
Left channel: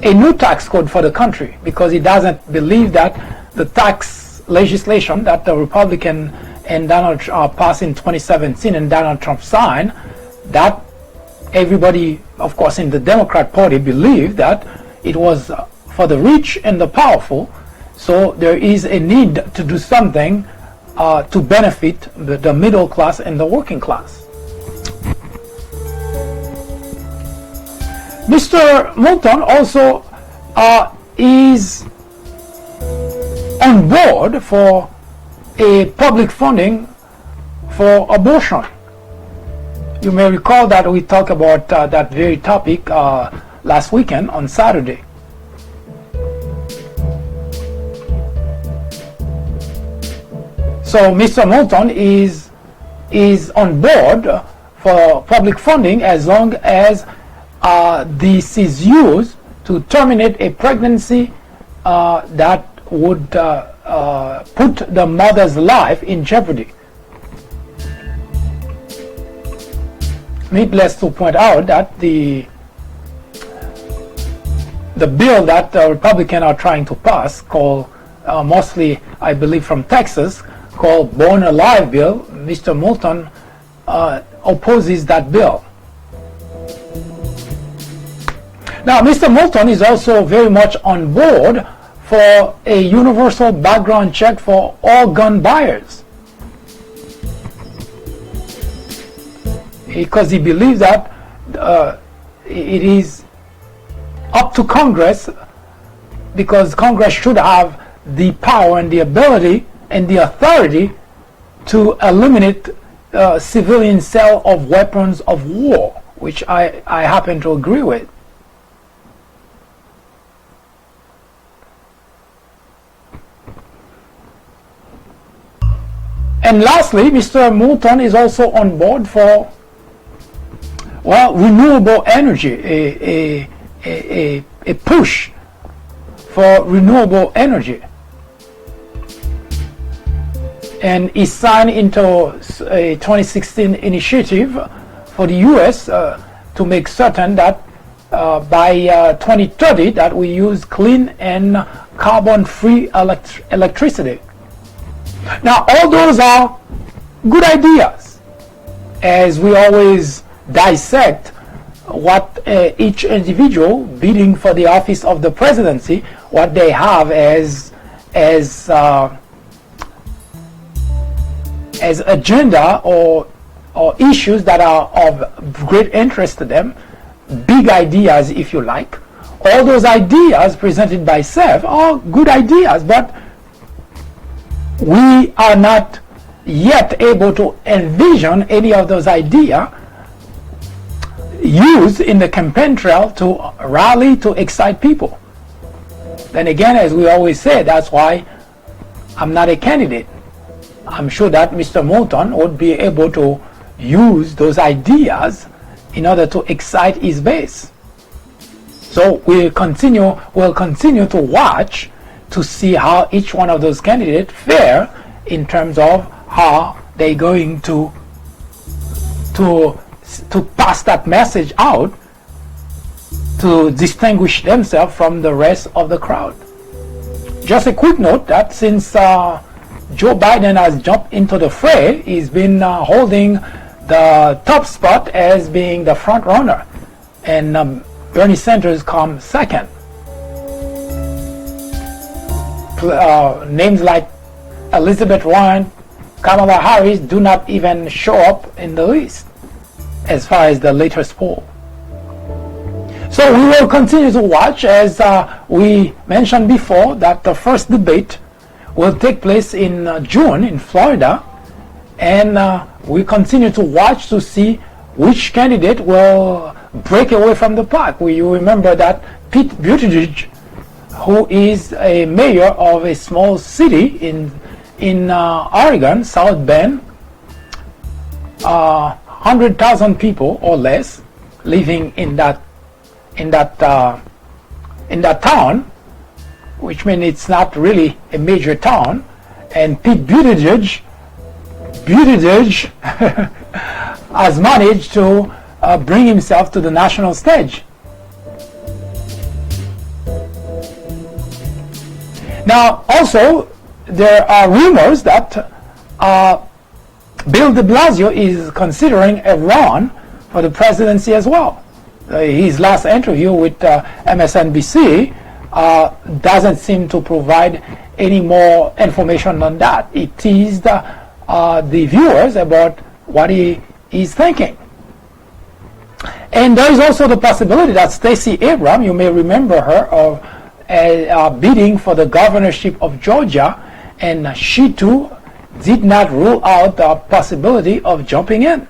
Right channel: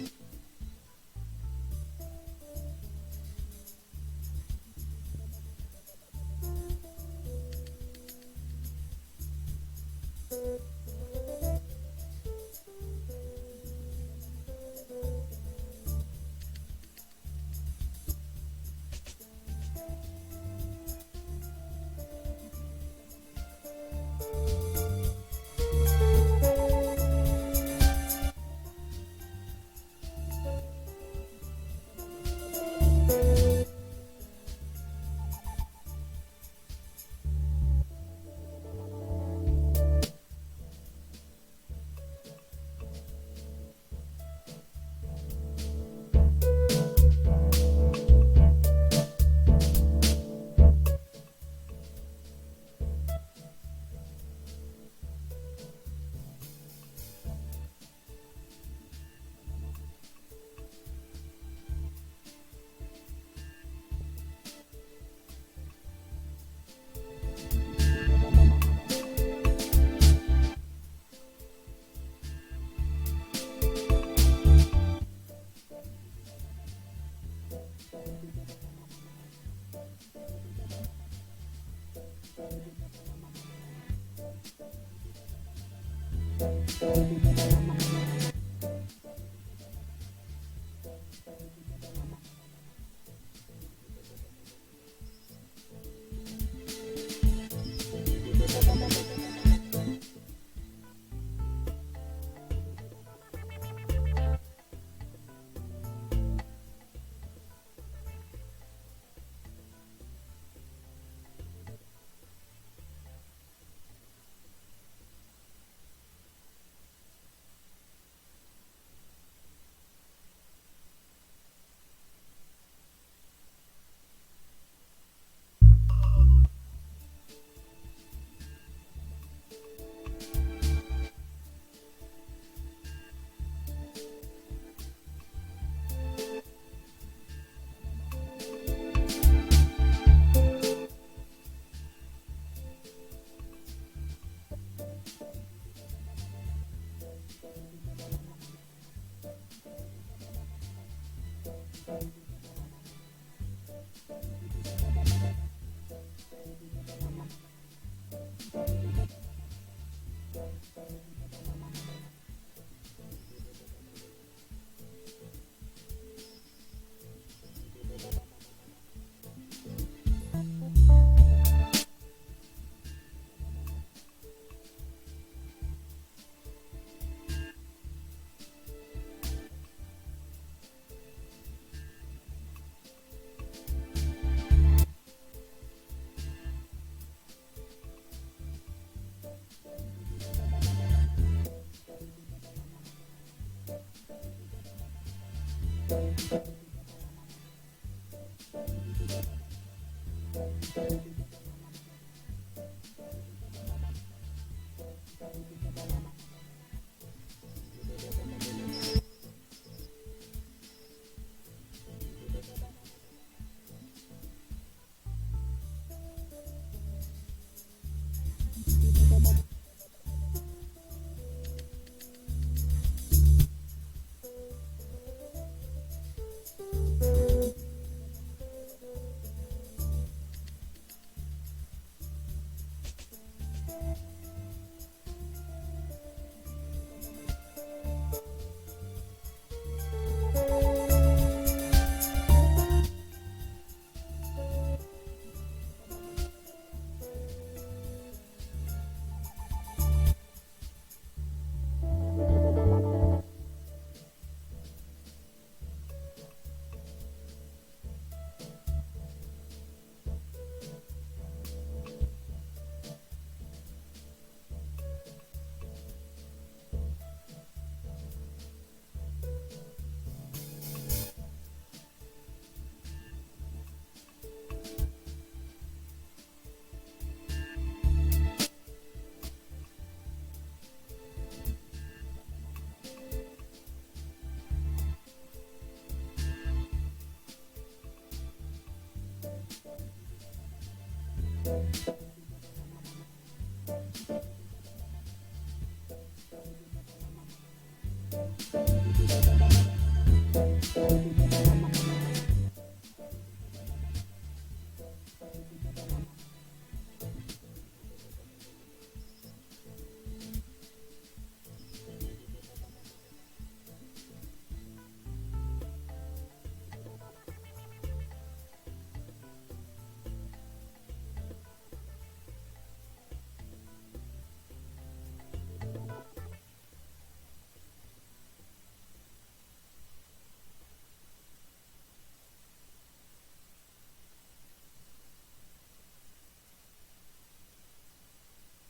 a new tax code for the country, because he doesn't believe that the tax legislation that the Republican and Donald Trump passed in 2017 and Donald Trump signed, that everybody, of course, in the Democrat Party believed that it was for the rich and the powerful. So there is a need to do something to benefit the middle class and the working class. Mr. Moulton also is on board for a public funding for abortion. You may recall that we talked about that very topic last weekend on Saturday. So Mr. Moulton is on board for public funding as long as this is used to terminate a pregnancy that would put the mother's life in jeopardy. Needless to point out that the bill that the Republicans are trying to pass, called mostly, I believe, from Texas, called Born Alive Bill, Mr. Moulton opposes that bill. Now, Mr. Moulton is also very much on board for a universal background check for all gun buyers, because he believes that it is up to Congress, because Congress should have the power and the ability and the authority to eliminate civilian sale of weapons of war, which I happen to agree with. And lastly, Mr. Moulton is also on board for, well, renewable energy, a push for renewable energy. And he signed into a 2016 initiative for the U.S. To make certain that by 2030 that we use clean and carbon-free electricity. Now, all those are good ideas, as we always dissect what each individual bidding for the office of the presidency, what they have as agenda or issues that are of great interest to them, big ideas, if you like. All those ideas presented by SETH are good ideas, but we are not yet able to envision any of those ideas used in the campaign trail to rally, to excite people. Then again, as we always say, that's why I'm not a candidate. I'm sure that Mr. Moulton would be able to use those ideas in order to excite his base. So we'll continue to watch to see how each one of those candidates fare in terms of how they're going to pass that message out to distinguish themselves from the rest of the crowd. Just a quick note that since Joe Biden has jumped into the fray, he's been holding the top spot as being the front runner, and Bernie Sanders comes second. Names like Elizabeth Warren, Kamala Harris do not even show up in the list as far as the latest poll. So we will continue to watch, as we mentioned before, that the first debate will take place in June in Florida, and we continue to watch to see which candidate will break away from the pack. You remember that Pete Buttigieg, who is a mayor of a small city in Oregon, South Bend, 100,000 people or less living in that town, which means it's not really a major town, and Pete Buttigieg has managed to bring himself to the national stage. Now, also, there are rumors that Bill de Blasio is considering a run for the presidency as well. His last interview with MSNBC doesn't seem to provide any more information on that. It teased the viewers about what he is thinking. And there is also the possibility that Stacey Abrams, you may remember her, of bidding for the governorship of Georgia, and she too did not rule out the possibility of jumping in.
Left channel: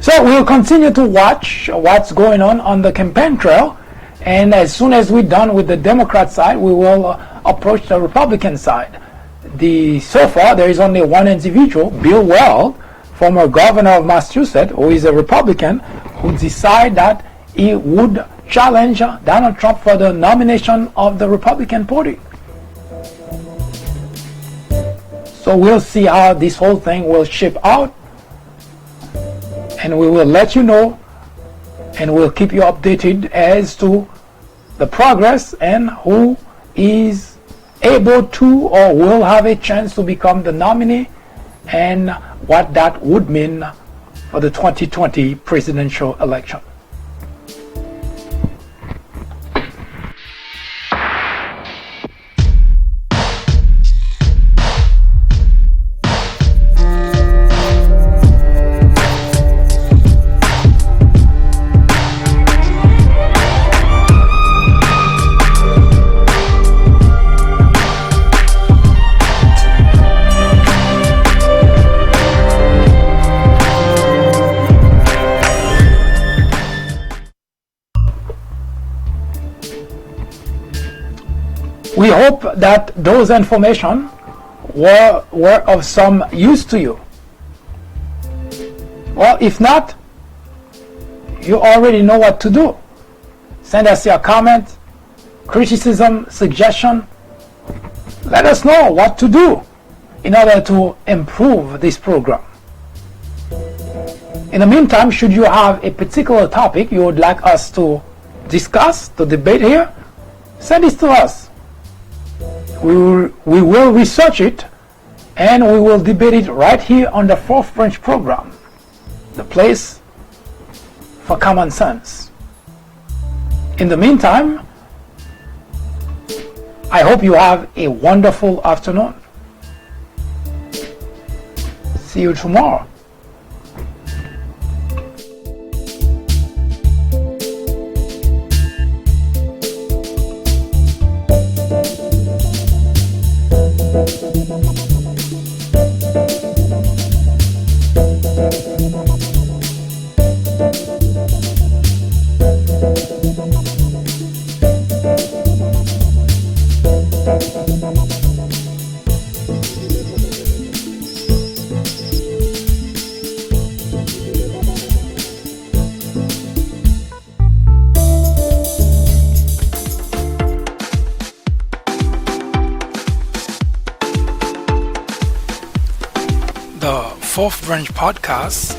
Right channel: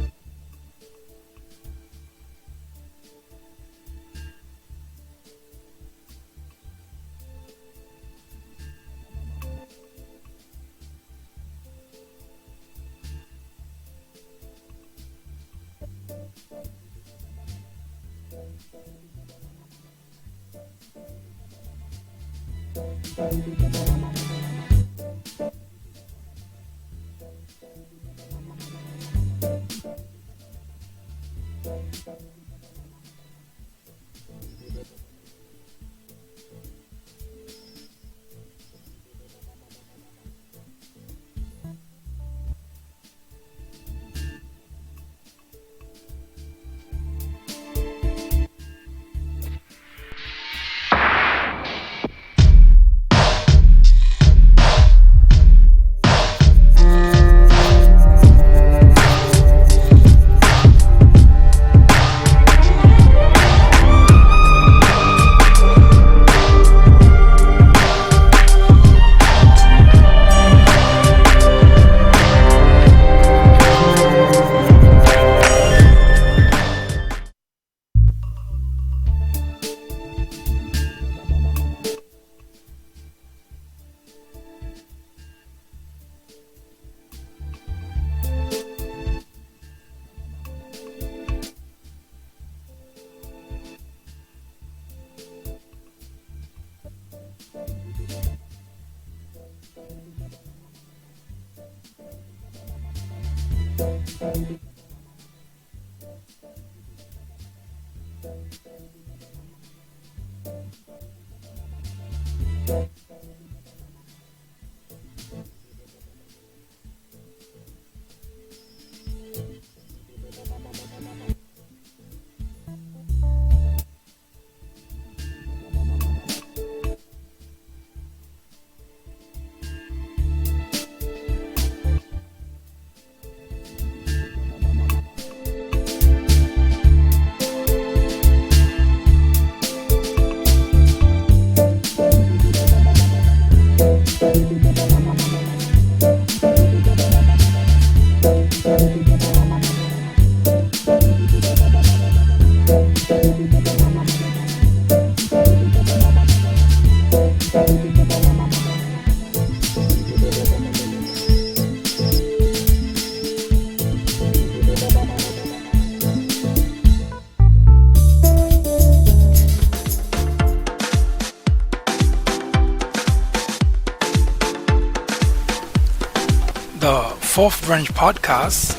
So we'll continue to watch what's going on the campaign trail, and as soon as we're done with the Democrat side, we will approach the Republican side. So far, there is only one individual, Bill Weld, former governor of Massachusetts, who is a Republican, who decided that he would challenge Donald Trump for the nomination of the Republican Party. So we'll see how this whole thing will shape out, and we will let you know, and we'll keep you updated as to the progress and who is able to or will have a chance to become the nominee, and what that would mean for the 2020 presidential election. We hope that those information were of some use to you. Well, if not, you already know what to do. Send us your comment, criticism, suggestion. Let us know what to do in order to improve this program. In the meantime, should you have a particular topic you would like us to discuss, to debate here, send it to us. We will research it, and we will debate it right here on the Fourth Branch program, the place for common sense. In the meantime, I hope you have a wonderful afternoon. See you tomorrow. The Fourth Branch podcast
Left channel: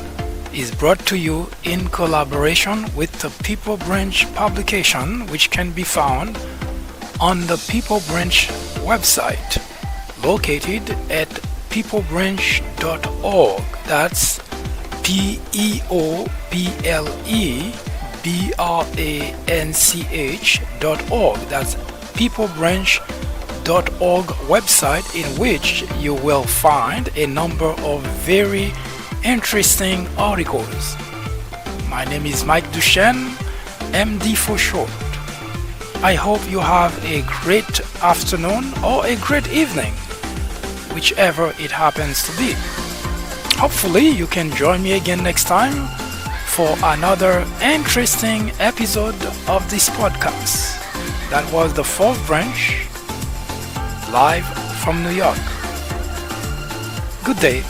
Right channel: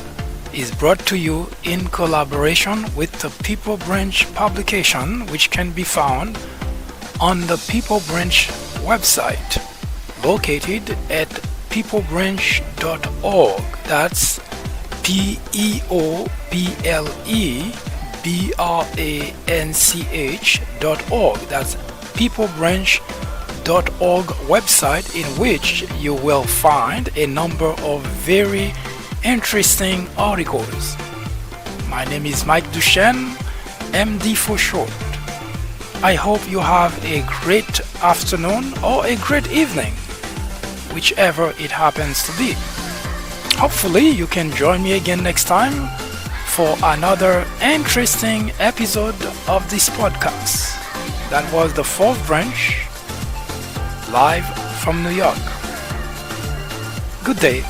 is brought to you in collaboration with the People Branch publication, which can be found on the People Branch website, located at peoplebranch.org. That's peoplebranch.org. That's peoplebranch.org website, in which you will find a number of very interesting articles. My name is Mike Duchesne, MD for short. I hope you have a great afternoon or a great evening, whichever it happens to be. Hopefully you can join me again next time for another interesting episode of this podcast. That was the Fourth Branch, live from New York. Good day.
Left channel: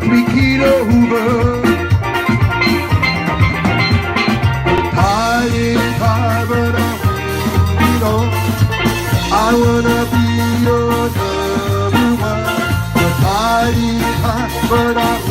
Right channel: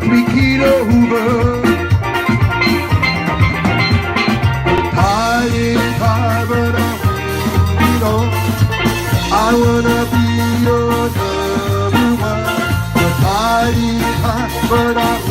got me keyed over. High is high, but I wanna be your number one. The tide is high, but